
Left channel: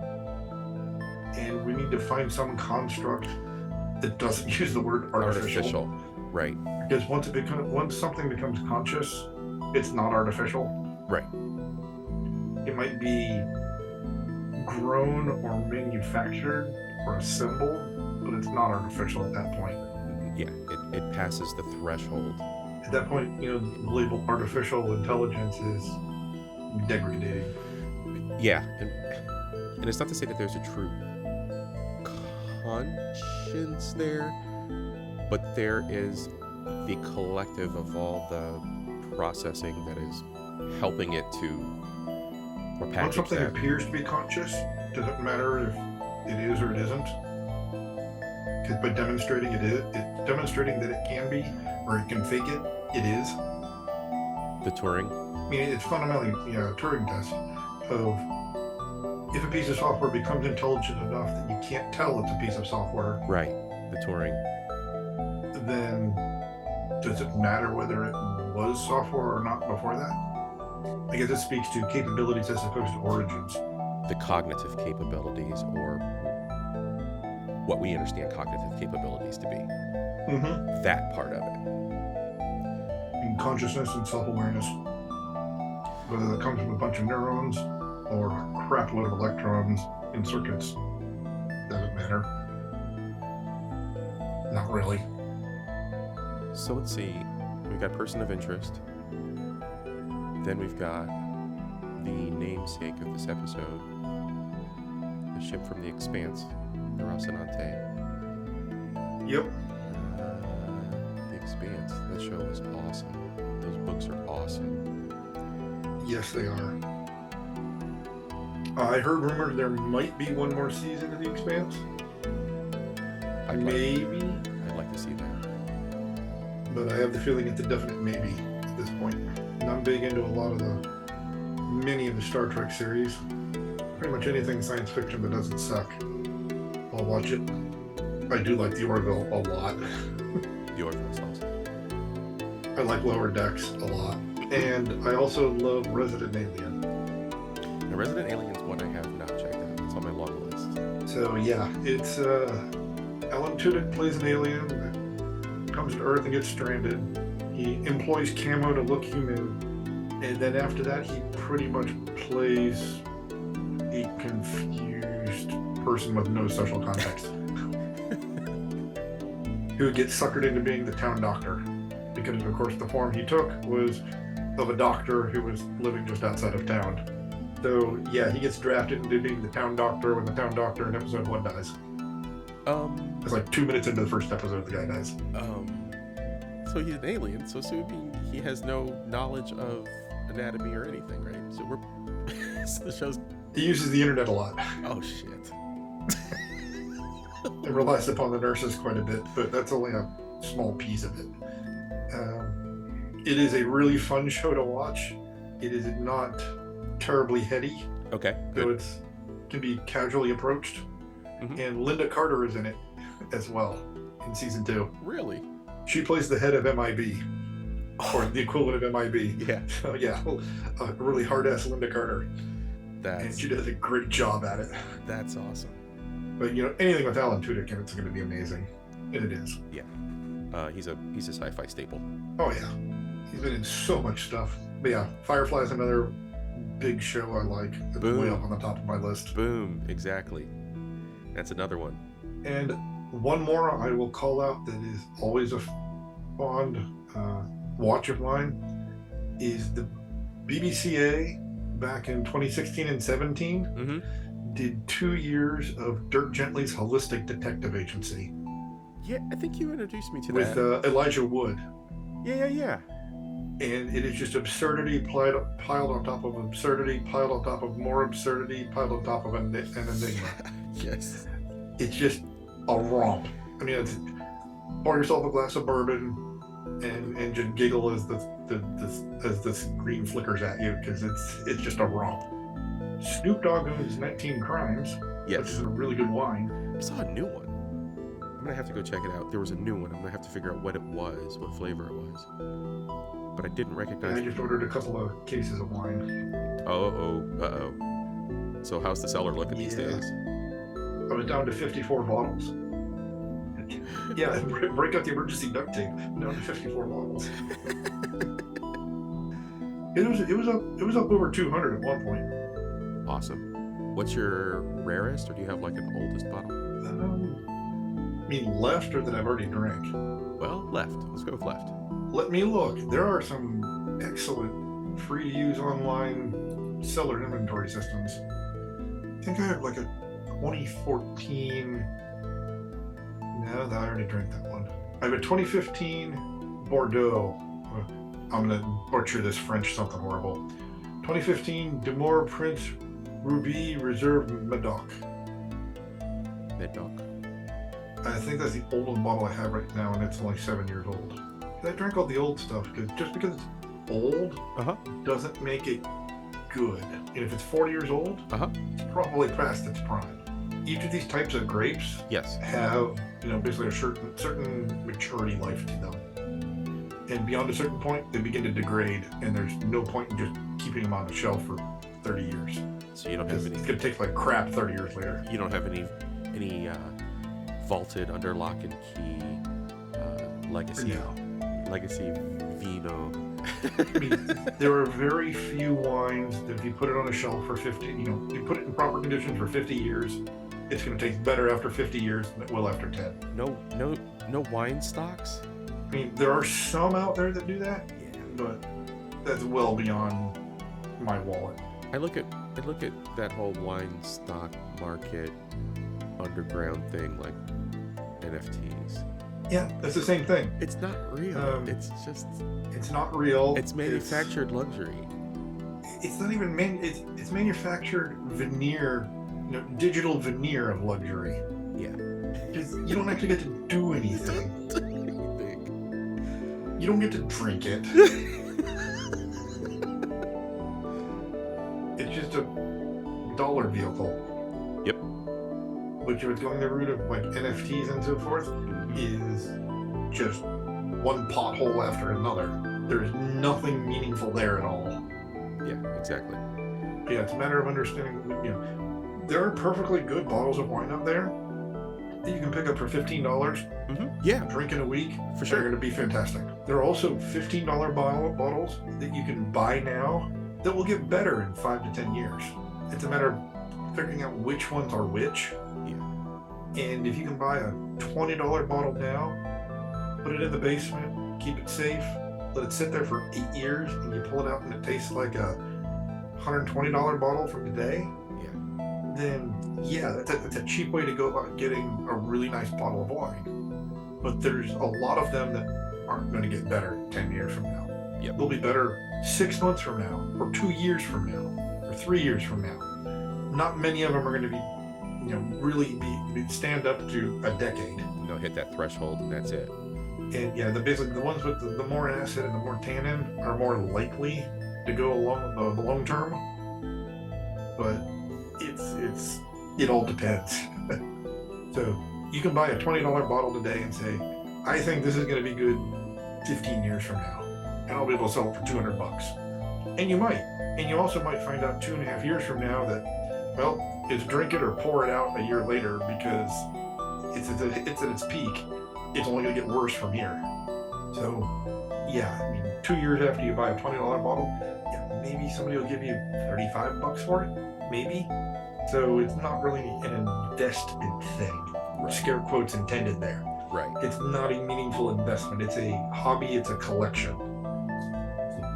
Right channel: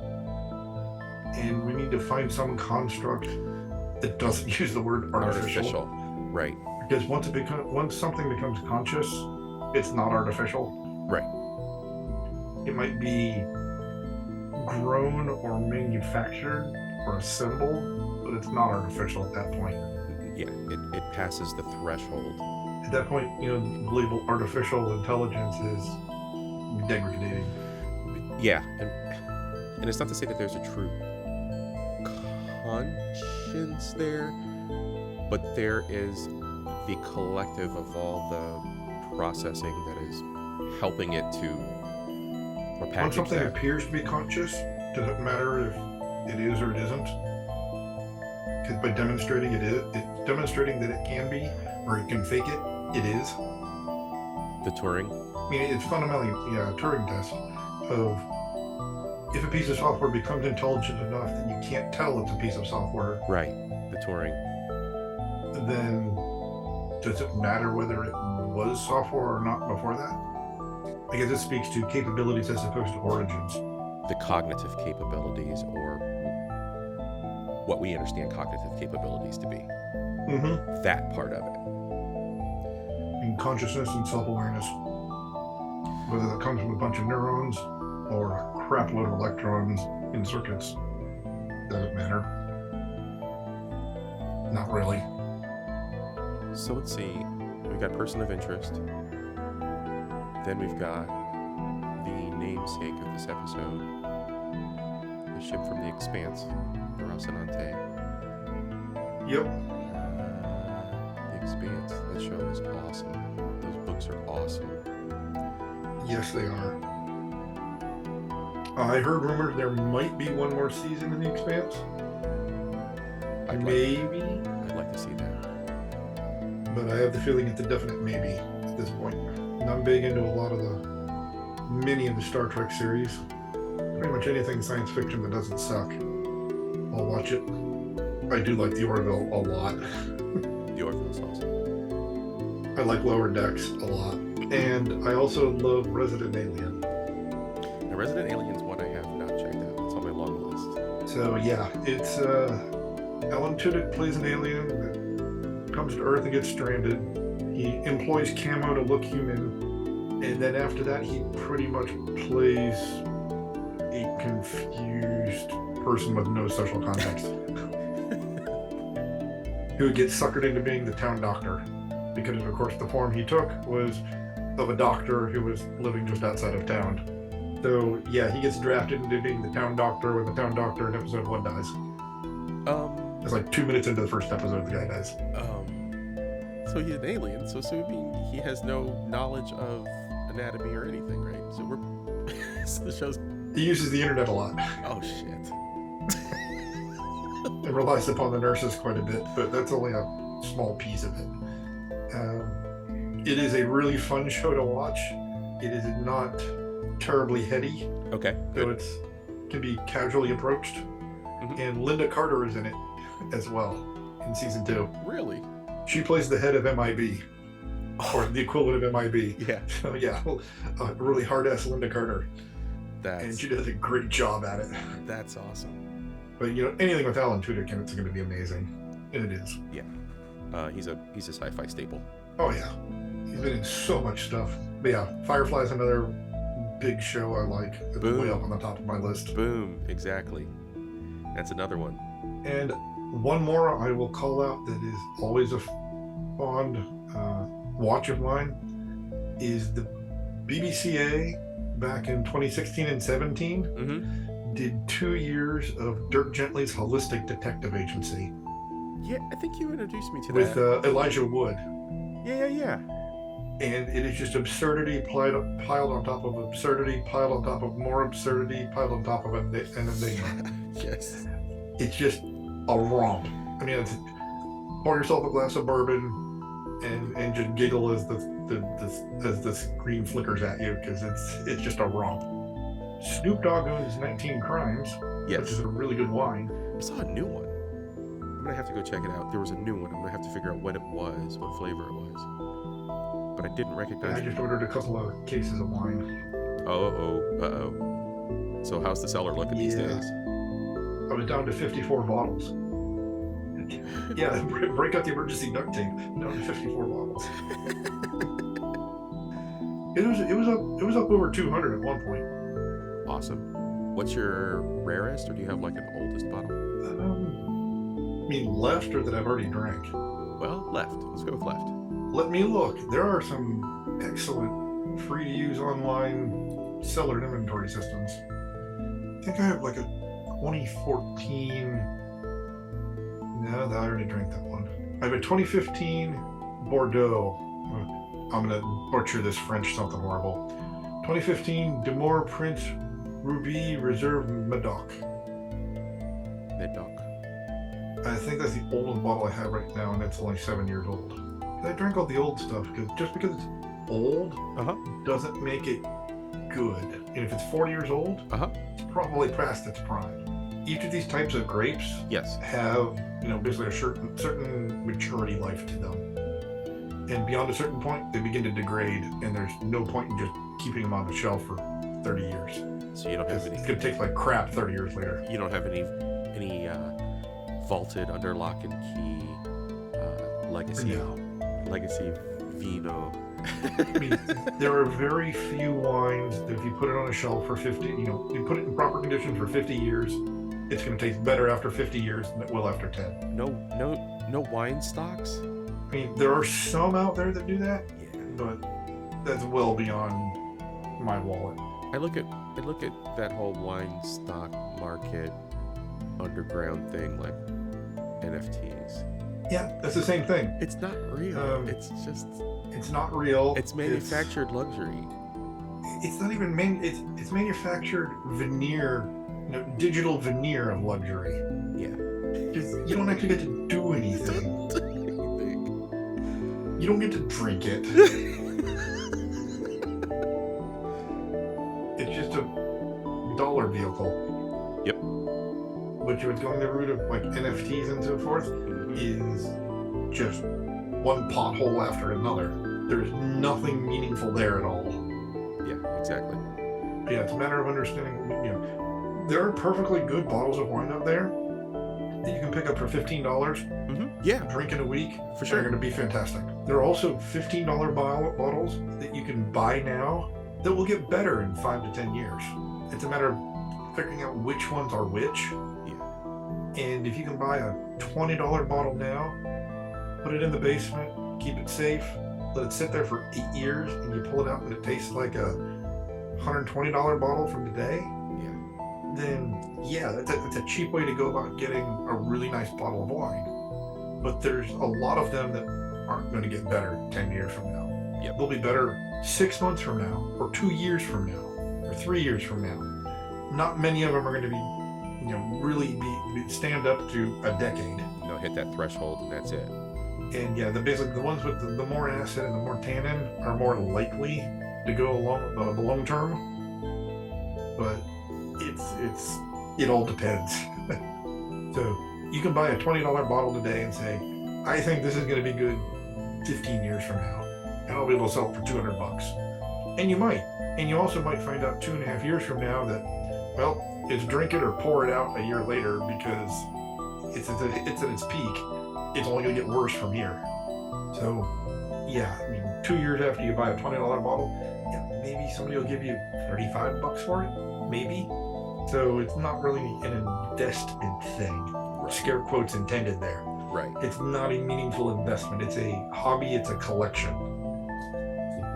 And we need to find some construct that doesn't use the word artificial. Right. Because once something becomes conscious, it's not artificial. Right. It might be grown or manufactured or assembled, but it's not artificial at that point. Yeah, it passes the threshold. At that point, the label artificial intelligence is degrading. Yeah, and it's not to say that there's a true conscience there, but there is the collective of all the processing that is helping it to or When package something that. appears to be conscious, doesn't matter if it is or it isn't. Because by demonstrating it's demonstrating that it can be, or it can fake it, it is. The Turing. I mean, it's fundamentally a Turing test of if a piece of software becomes intelligent enough that you can't tell it's a piece of software, Right. The Turing. then does it matter whether it was software or not before that? I guess it speaks to capabilities as opposed to origins. The cognitive capabilities, or what we understand cognitive capabilities to be. Mm-hmm. That part of it. And consciousness and self-awareness, whether that comes from a bunch of neurons or a crap load of electrons in circuits, doesn't matter. Not really. So let's see. We've got person of interest. Then we've got the namesake of this episode, the ship from the Expanse, the Rocinante. Yep. The Expanse. That show is awesome. Those books are awesome. Yes, they are. I heard rumors there might be one more season of The Expanse. I'd like to see that. But I have the feeling it's a definite maybe at this point. And I'm big into a lot of many of the Star Trek series. Pretty much anything science fiction that doesn't suck, I'll watch it. I do like the Orville a lot. The Orville's awesome. I like Lower Decks a lot. And I also love Resident Alien. Now, Resident Alien's one I have not checked out. It's on my long list. So yeah, it's Alan Tudyk plays an alien that comes to Earth and gets stranded. He employs camo to look human, and then after that he pretty much plays a confused person with no social context who gets suckered into being the town doctor, because of course the form he took was of a doctor who was living just outside of town. So yeah, he gets drafted into being the town doctor when the town doctor in episode 1 dies. It's like 2 minutes into the first episode the guy dies. So he's an alien, so assuming he has no knowledge of anatomy or anything, right? So so the show's... He uses the internet a lot. Oh, shit. It relies upon the nurses quite a bit, but that's only a small piece of it. It is a really fun show to watch. It is not terribly heady. Okay, good. So it can be casually approached. Mm-hmm. And Linda Carter is in it as well in season 2. Really? She plays the head of MIB, or the equivalent of MIB. Yeah. So yeah, a really hard-ass Linda Carter. And she does a great job at it. That's awesome. But anything with Alan Tudyk in it's going to be amazing, and it is. Yeah. He's a sci-fi staple. Oh yeah, he's been in so much stuff. But yeah, Firefly's another big show I like. It's way up on the top of my list. Boom, exactly. That's another one. And one more I will call out that is always a fond watch of mine is the BBCA back in 2016 and 17 did 2 years of Dirk Gently's Holistic Detective Agency. Yeah, I think you introduced me to that. With Elijah Wood. Yeah. And it is just absurdity piled on top of absurdity, piled on top of more absurdity, piled on top of an enigma. Yes. It's just a romp. I mean, it's pour yourself a glass of bourbon and just giggle as the screen flickers at you, because it's just a romp. Snoop Dogg owns 19 Crimes. Yes. Which is a really good wine. I saw a new one. I'm going to have to go check it out. There was a new one. I'm going to have to figure out what it was, what flavor it was. But I didn't recognize it. I just ordered a couple of cases of wine. Uh-oh. So how's the cellar looking these days? I was down to 54 bottles. Yeah, break out the emergency duct tape. Down to 54 bottles. It was up over 200 at one point. Awesome. What's your rarest, or do you have like an oldest bottle? You mean left or that I've already drank? Well, left. Let's go with left. Let me look. There are some excellent free-to-use online cellar inventory systems. I think I have like a 2014. No, I already drank that one. I have a 2015 Bordeaux. I'm gonna butcher this French something horrible. 2015 Demour Prince Ruby Reserve Medoc. Medoc. I think that's the oldest bottle I have right now, and it's only 7 years old. I drank all the old stuff because just because it's old doesn't make it good. And if it's 40 years old, it's probably past its prime. Each of these types of grapes have, basically a certain maturity life to them. And beyond a certain point, they begin to degrade, and there's no point in just keeping them on the shelf for 30 years. So you don't have any. It's gonna taste like crap 30 years later. You don't have any vaulted under lock and key legacy vino. I mean, there are very few wines that if you put it on a shelf for 50, you put it in proper condition for 50 years, it's going to taste better after 50 years than it will after 10. No wine stocks? I mean, there are some out there that do that, but that's well beyond my wallet. I look at that whole wine stock market underground thing like NFTs. Yeah, that's the same thing. It's not real. It's not real. It's manufactured luxury. It's not even it's manufactured veneer, digital veneer of luxury. Yeah. You don't actually get to do anything. You don't get to drink it. It's just a dollar vehicle. Yep. Which was going the route of like NFTs and so forth is just one pothole after another. There's nothing meaningful there at all. Yeah, exactly. Yeah, it's a matter of understanding. There are perfectly good bottles of wine out there that you can pick up for $15. Yeah, drink in a week. For sure. They're going to be fantastic. There are also $15 bottles that you can buy now that will get better in 5 to 10 years. It's a matter of figuring out which ones are which. And if you can buy a $20 bottle now, put it in the basement, keep it safe, let it sit there for 8 years, and you pull it out and it tastes like a $120 bottle from today, then that's a cheap way to go about getting a really nice bottle of wine. But there's a lot of them that aren't going to get better 10 years from now. They'll be better 6 months from now, or 2 years from now, or 3 years from now. Not many of them are going to be really stand up to a decade. Hit that threshold and that's it. And basically the ones with the more acid and the more tannin are more likely to go along the long term. But it all depends. So you can buy a $20 bottle today and say, I think this is going to be good 15 years from now, and I'll be able to sell it for $200. And you might. And you also might find out 2.5 years from now that, well, it's drink it or pour it out a year later because it's at its peak. It's only going to get worse from here. So, 2 years after you buy a $20 bottle, maybe somebody will give you $35 for it, maybe. So it's not really an investment thing. Right. Scare quotes intended there. Right. It's not a meaningful investment. It's a hobby. It's a collection.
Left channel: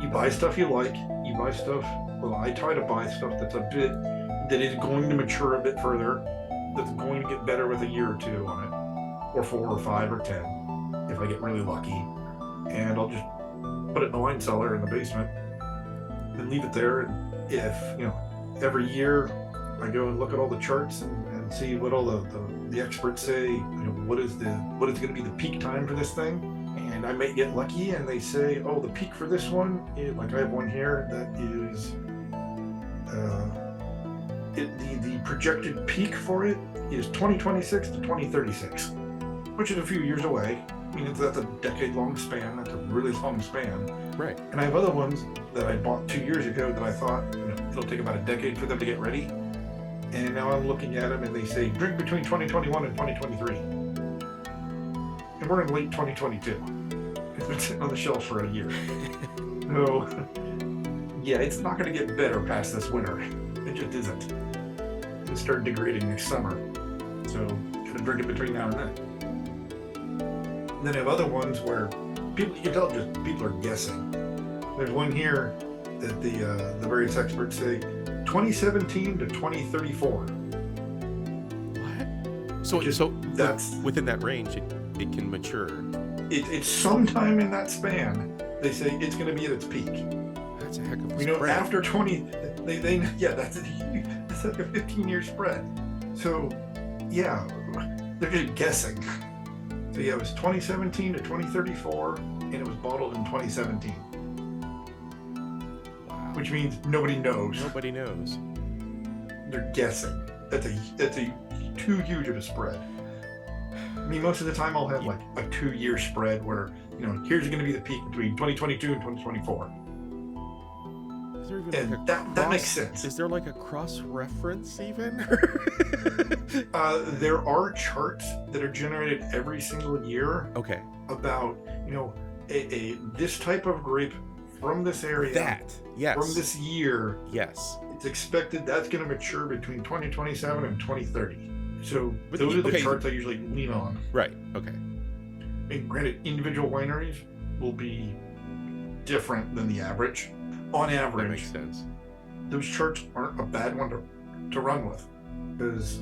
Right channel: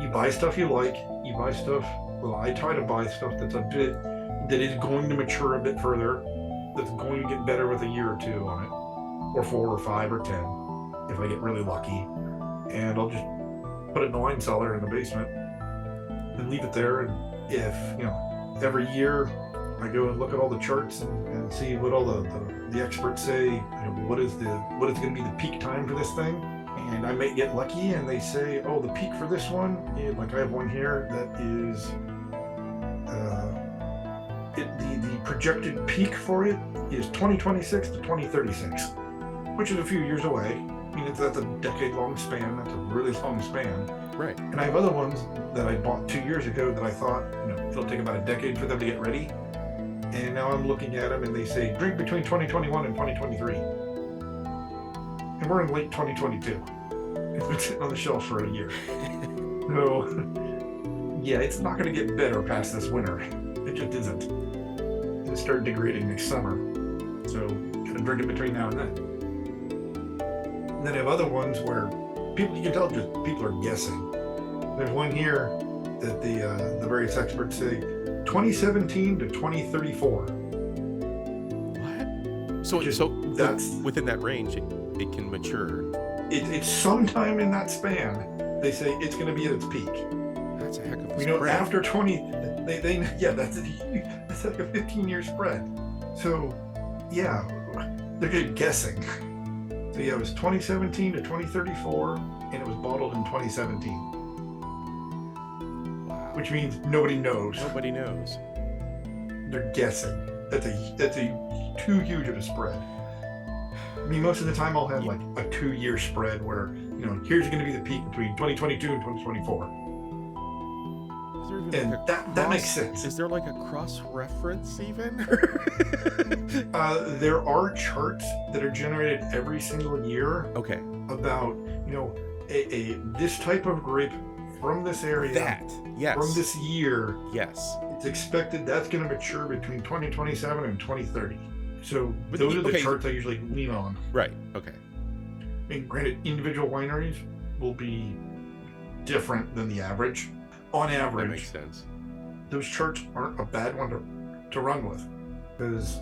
You buy stuff you like. You buy stuff. Well, I try to buy stuff that is going to mature a bit further, that's going to get better with a year or two on it, or 4 or 5 or 10, if I get really lucky. And I'll just put it in the wine cellar in the basement and leave it there. And if, every year I go and look at all the charts and see what all the experts say, what is going to be the peak time for this thing. And I may get lucky and they say, oh, the peak for this one, like I have one here that is, the projected peak for it is 2026 to 2036, which is a few years away. I mean, that's a decade-long span. That's a really long span. Right. And I have other ones that I bought 2 years ago that I thought, it'll take about a decade for them to get ready. And now I'm looking at them and they say drink between 2021 and 2023. And we're in late 2022. It's been sitting on the shelf for a year. So, yeah, it's not going to get better past this winter. It just isn't. It'll start degrading next summer. So, gotta drink it between now and then. Then I have other ones where people, you can tell just people are guessing. There's one here that the various experts say 2017 to 2034. What? So that's within that range, it can mature. It's sometime in that span. They say it's going to be at its peak. That's a heck of a We know spread. after 20, that's like a 15-year spread. So, yeah, they're just guessing. So yeah, it was 2017 to 2034, and it was bottled in 2017. Wow. Which means nobody knows. Nobody knows. They're guessing. That's a too huge of a spread. I mean, most of the time I'll have like a 2-year spread where, here's going to be the peak between 2022 and 2024. Is there even And like that makes sense. Is there like a cross-reference even? There are charts that are generated every single year. Okay. About, this type of grape from this area. Yes. From this year. Yes. It's expected that's going to mature between 2027 and 2030. So But those are the charts I usually lean on. Right. Okay. And granted, individual wineries will be different than the average. On average, That makes sense. those charts aren't a bad one to run with, because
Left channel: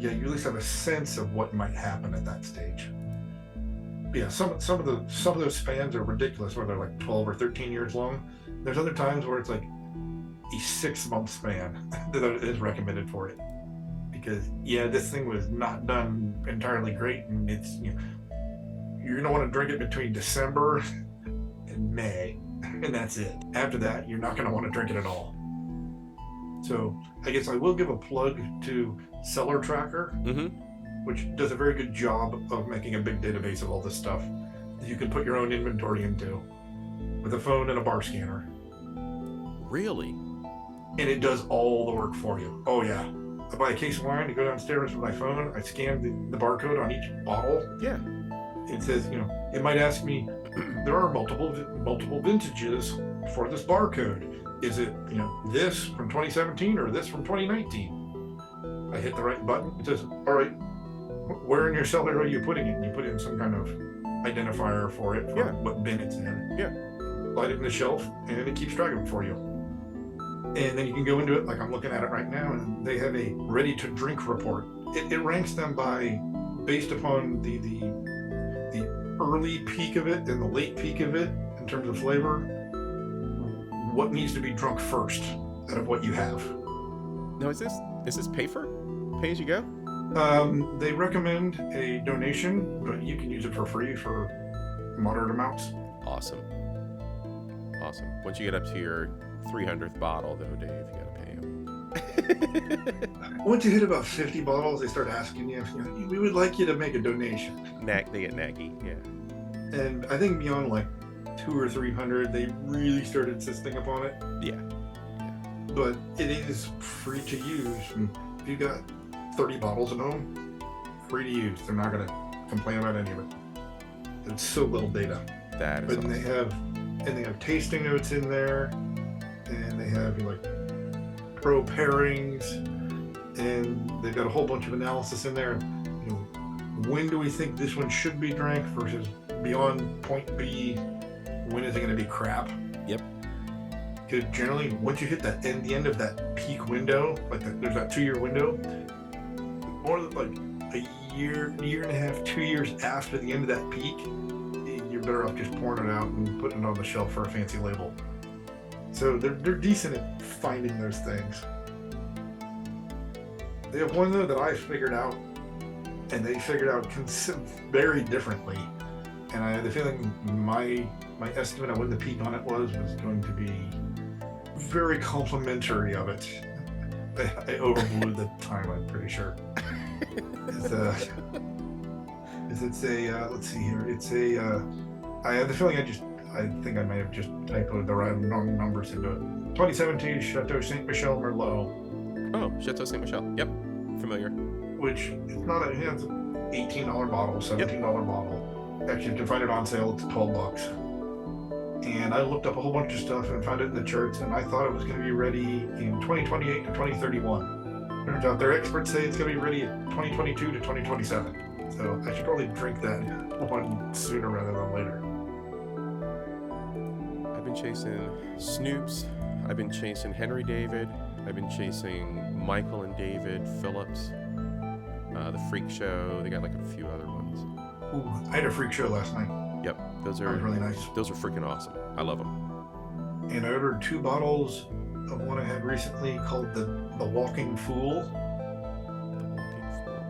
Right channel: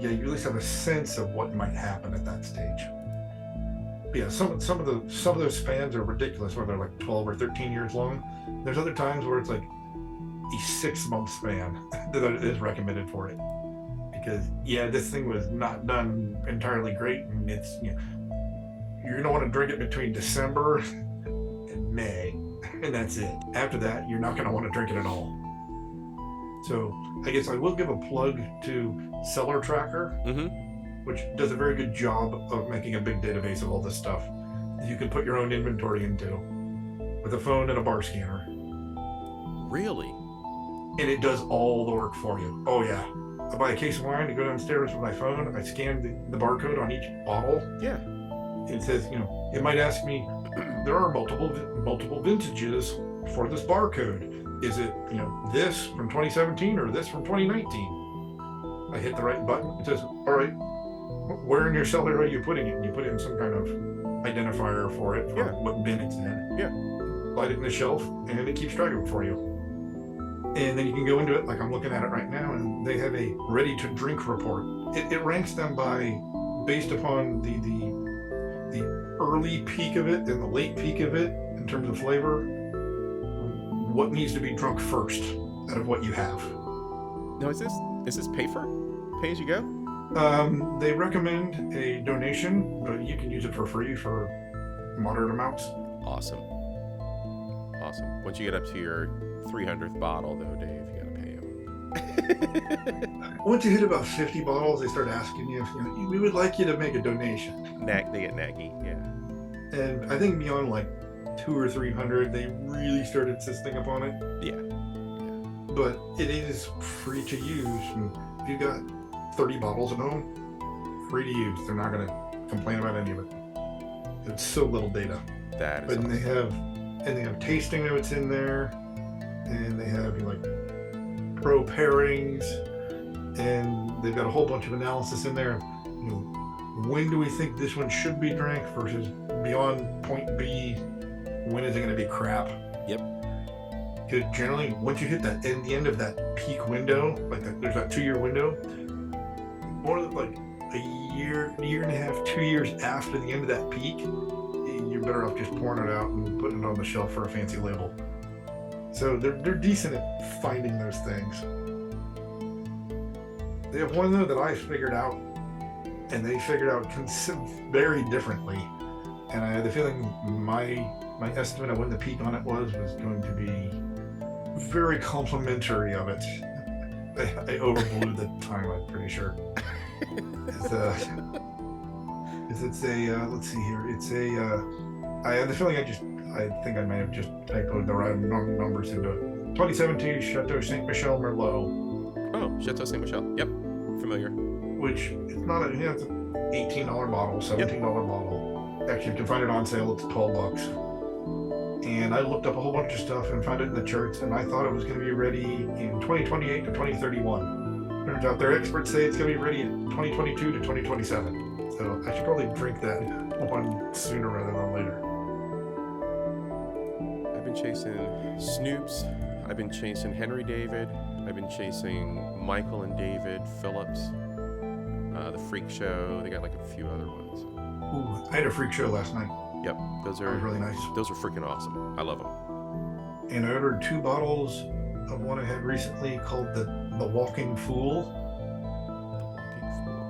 you at least have a sense of what might happen at that stage. Yeah, some of those spans are ridiculous, where they're like 12 or 13 years long. There's other times where it's like a 6-month span that is recommended for it, because this thing was not done entirely great, and it's you're gonna want to drink it between December and May. And that's it. After that, you're not going to want to drink it at all. So I guess I will give a plug to Cellar Tracker, which does a very good job of making a big database of all this stuff that you can put your own inventory into with a phone and a bar scanner. Really? And it does all the work for you. Oh yeah. I buy a case of wine, I go downstairs with my phone, I scan the barcode on each bottle. Yeah. It says, it might ask me, there are multiple vintages for this barcode. Is it, this from 2017 or this from 2019? I hit the right button. It says, all right, where in your cellar are you putting it? And you put in some kind of identifier for it, for what bin it's in. Yeah. Slide it in the shelf, and it keeps track of it for you. And then you can go into it, like I'm looking at it right now, and they have a ready-to-drink report. It ranks them based upon the early peak of it and the late peak of it in terms of flavor, what needs to be drunk first out of what you have. Now, is this pay as you go? They recommend a donation, but you can use it for free for moderate amounts. Awesome. Once you get up to your 300th bottle, though, Dave, you gotta pay him. Once you hit about 50 bottles, they start asking you, we would like you to make a donation. They get naggy, yeah. And I think beyond like 200 or 300, they really start insisting upon it. Yeah. But it is free to use. And if you got 30 bottles at home, free to use. They're not going to complain about any of it. It's so little data. That is awesome. They have tasting notes in there, and they have like pro pairings, and they've got a whole bunch of analysis in there. When do we think this one should be drank versus beyond point B? When is it going to be crap? Yep. Because generally, once you hit the end of that peak window, there's that 2-year window, more than like a year and a half, 2 years after the end of that peak, you're better off just pouring it out and putting it on the shelf for a fancy label. So they're decent at finding those things. They have one though that I figured out, and they figured out very differently. And I had the feeling my estimate of when the peak on it was going to be very complimentary of it. I overblew the time, I'm pretty sure. Let's see here. I had the feeling I think I might have just typoed the wrong numbers into it. 2017 Chateau Saint Michel Merlot. Oh, Chateau Saint Michel. Yep, familiar. Which it's not a, it's an $18 bottle, $17 bottle. Actually, you can find it on sale. It's $12. And I looked up a whole bunch of stuff and found it in the charts, and I thought it was going to be ready in 2028 to 2031. Turns out their experts say it's going to be ready in 2022 to 2027. So I should probably drink that one sooner rather than later. I've been chasing Snoops. I've been chasing Henry David. I've been chasing Michael and David Phillips. The Freak Show. They got like a few other ones. Ooh, I had a Freak Show last night. Yep, those are really nice. Those are freaking awesome. I love them. And I ordered 2 bottles of one I had recently called the Walking Fool. The Walking Fool.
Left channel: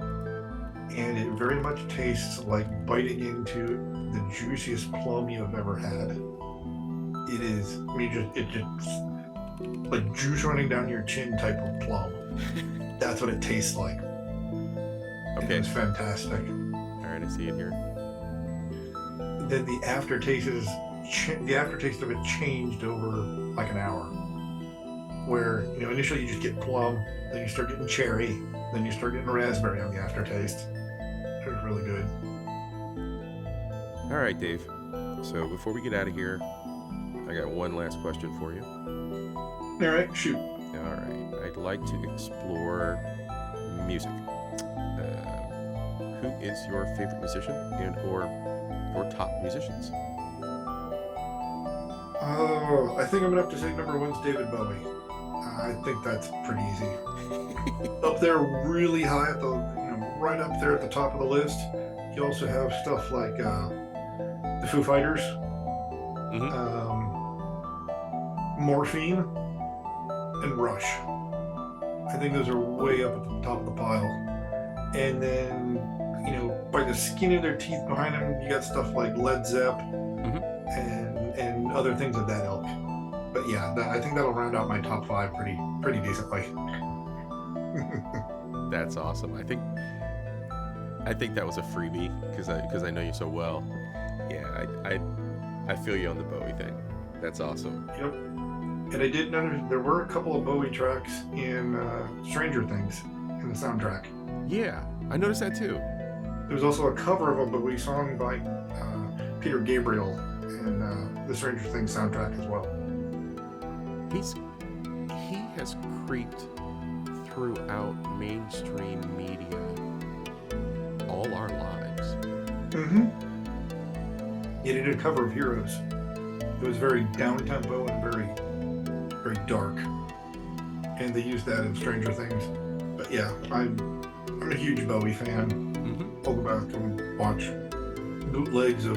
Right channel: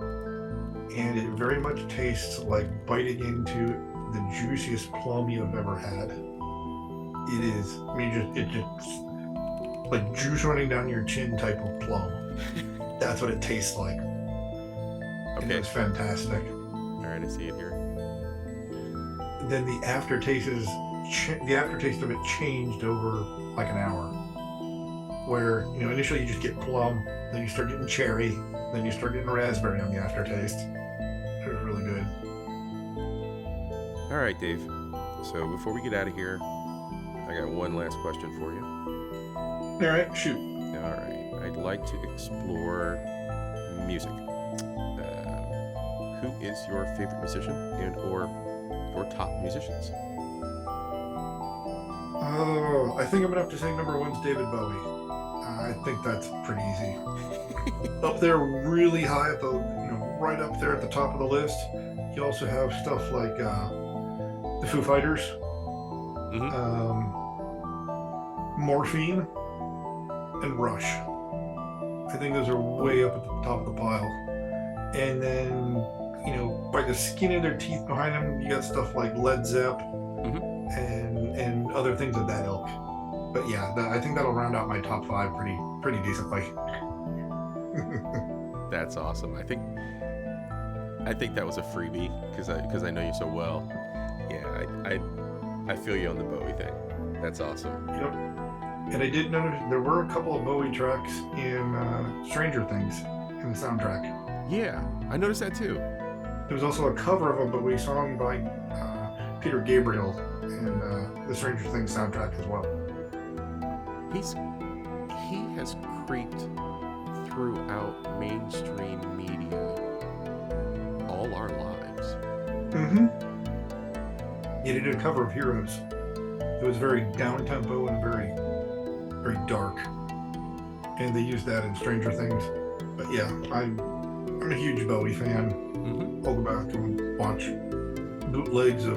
And it very much tastes like biting into the juiciest plum you have ever had. It is, I mean, it's just like juice running down your chin type of plum. That's what it tastes like. Okay. It's fantastic. All right, I see it here. Then the aftertaste of it changed over like an hour. Where, initially you just get plum, then you start getting cherry, then you start getting raspberry on the aftertaste. It was really good. All right, Dave. So before we get out of here, I got one last question for you. All right, shoot. All right. I'd like to explore music. Who is your favorite musician and/or your top musicians? Oh, I think I'm gonna have to say number one's David Bowie. I think that's pretty easy. Up there, really high at the, right up there at the top of the list. You also have stuff like the Foo Fighters, Morphine, and Rush. I think those are way up at the top of the pile. And then, by the skin of their teeth behind them, you got stuff like Led Zepp and other things of that ilk. But yeah, I think that'll round out my top 5 pretty decently. That's awesome. I think that was a freebie because I know you so well. Yeah, I feel you on the Bowie thing. That's awesome. Yep. And I did notice there were a couple of Bowie tracks in Stranger Things in the soundtrack. Yeah, I noticed that too. There was also a cover of a Bowie song by Peter Gabriel in the Stranger Things soundtrack as well. He has creeped throughout mainstream media all our lives. Mm-hmm. He did a cover of Heroes. It was very down-tempo and very, very dark. And they used that in Stranger Things. But yeah, I'm a huge Bowie fan. I'll go back and watch bootlegs of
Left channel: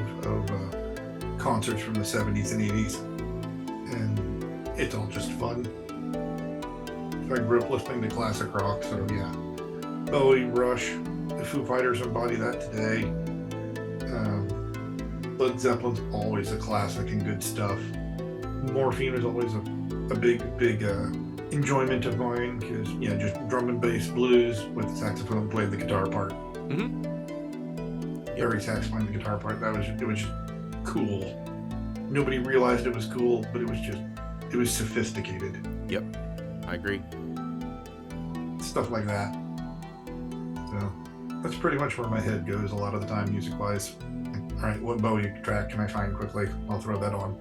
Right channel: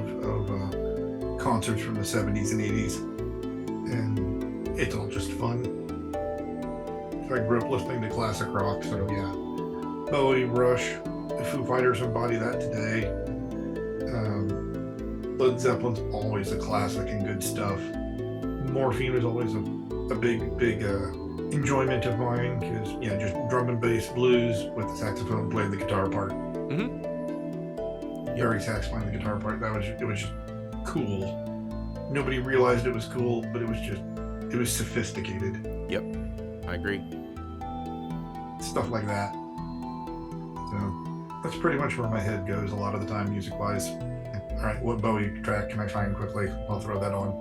concerts from the 70s and 80s. And it's all just fun. I grew up listening to classic rock, so yeah. Bowie, Rush, the Foo Fighters embody that today. Led Zeppelin's always a classic and good stuff. Morphine is always a big enjoyment of mine because just drum and bass blues with the saxophone played the guitar part. Barry sax playing the guitar part. It was just cool. Nobody realized it was cool, but it was sophisticated. Yep, I agree. Stuff like that. So that's pretty much where my head goes a lot of the time, music-wise. All right, what Bowie track can I find quickly? I'll throw that on.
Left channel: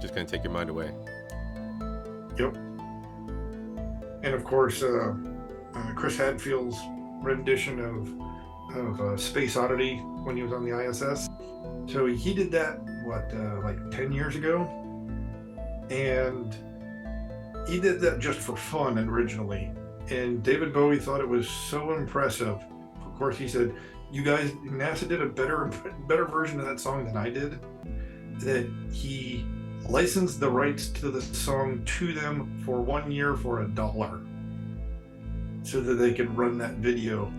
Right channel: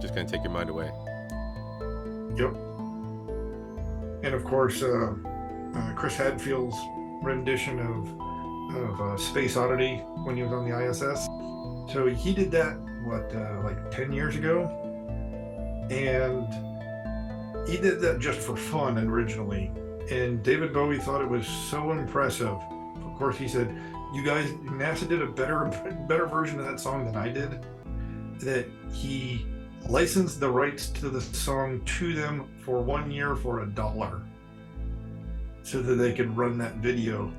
Just gonna take your mind away. Yep. And of course, Chris Hadfield's rendition of Space Oddity when he was on the ISS. So he did that, like 10 years ago? And he did that just for fun originally. And David Bowie thought it was so impressive. Of course, he said, you guys, NASA did a better version of that song than I did. That he licensed the rights to the song to them for 1 year for $1, so that they could run that video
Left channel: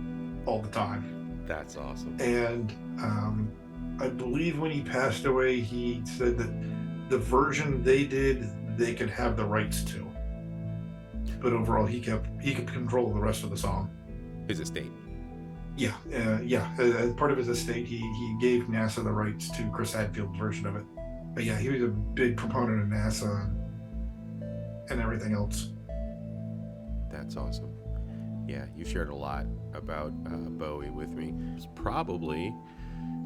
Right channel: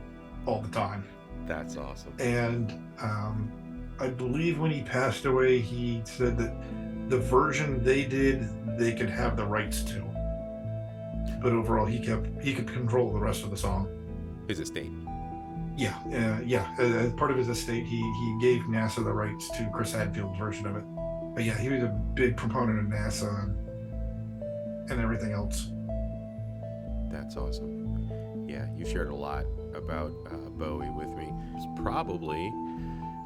all the time. That's awesome. And I believe when he passed away, he said that the version they did, they could have the rights to. But overall, he could control the rest of the song. His estate. Yeah. As part of his estate, he gave NASA the rights to Chris Hadfield's version of it. But yeah, he was a big proponent of NASA and everything else. That's awesome. Yeah, you shared a lot about Bowie with me. It's probably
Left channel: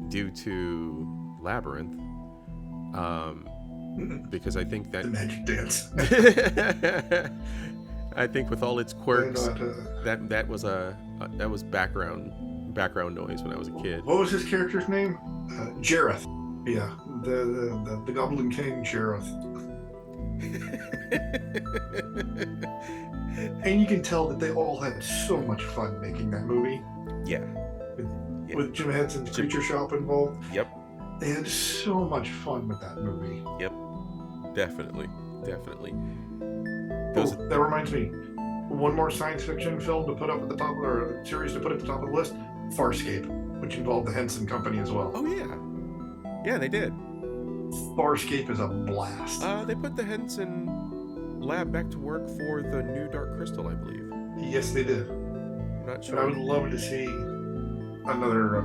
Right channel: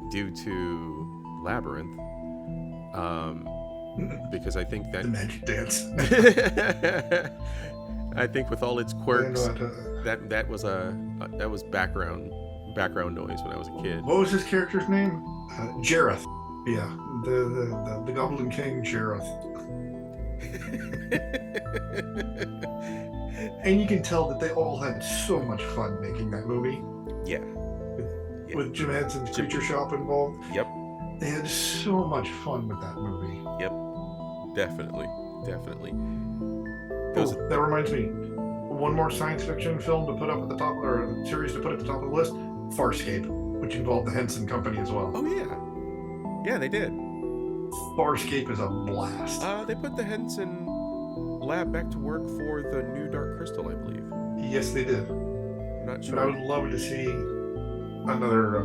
due to Labyrinth, because I think that The magic dance. I think with all its I quirks, know that was background noise when I was a kid. what was his character's name? Jareth. Yeah, the Goblin King Jareth. And you can tell that they all had so much fun making that movie. Yeah. With Jim Henson's Creature Shop involved. Yep. They had so much fun with that movie. Yep. Definitely. That reminds me. One more science fiction film to put up at the top, or a series to put at the top of the list, Farscape, which involved the Henson Company as well. Oh yeah. Yeah, they did. Farscape is a blast. They put the Henson lab back to work for the new Dark Crystal, I believe. Yes, they did. I'm not sure. And I would love to see another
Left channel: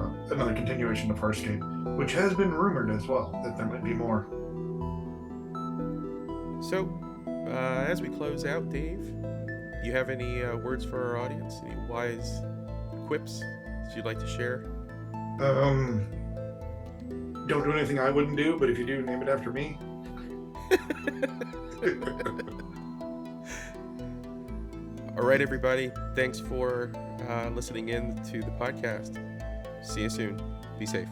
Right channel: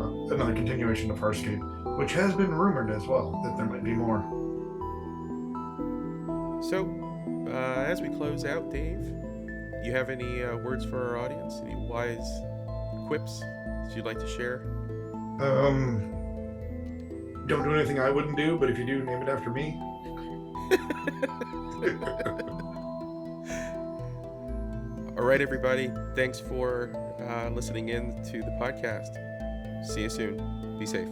continuation of Farscape, which has been rumored as well that there might be more. So, as we close out, Dave, you have any words for our audience? Any wise quips that you'd like to share? Don't do anything I wouldn't do, but if you do, name it after me. All right, everybody. Thanks for listening in to the podcast. See you soon. Be safe.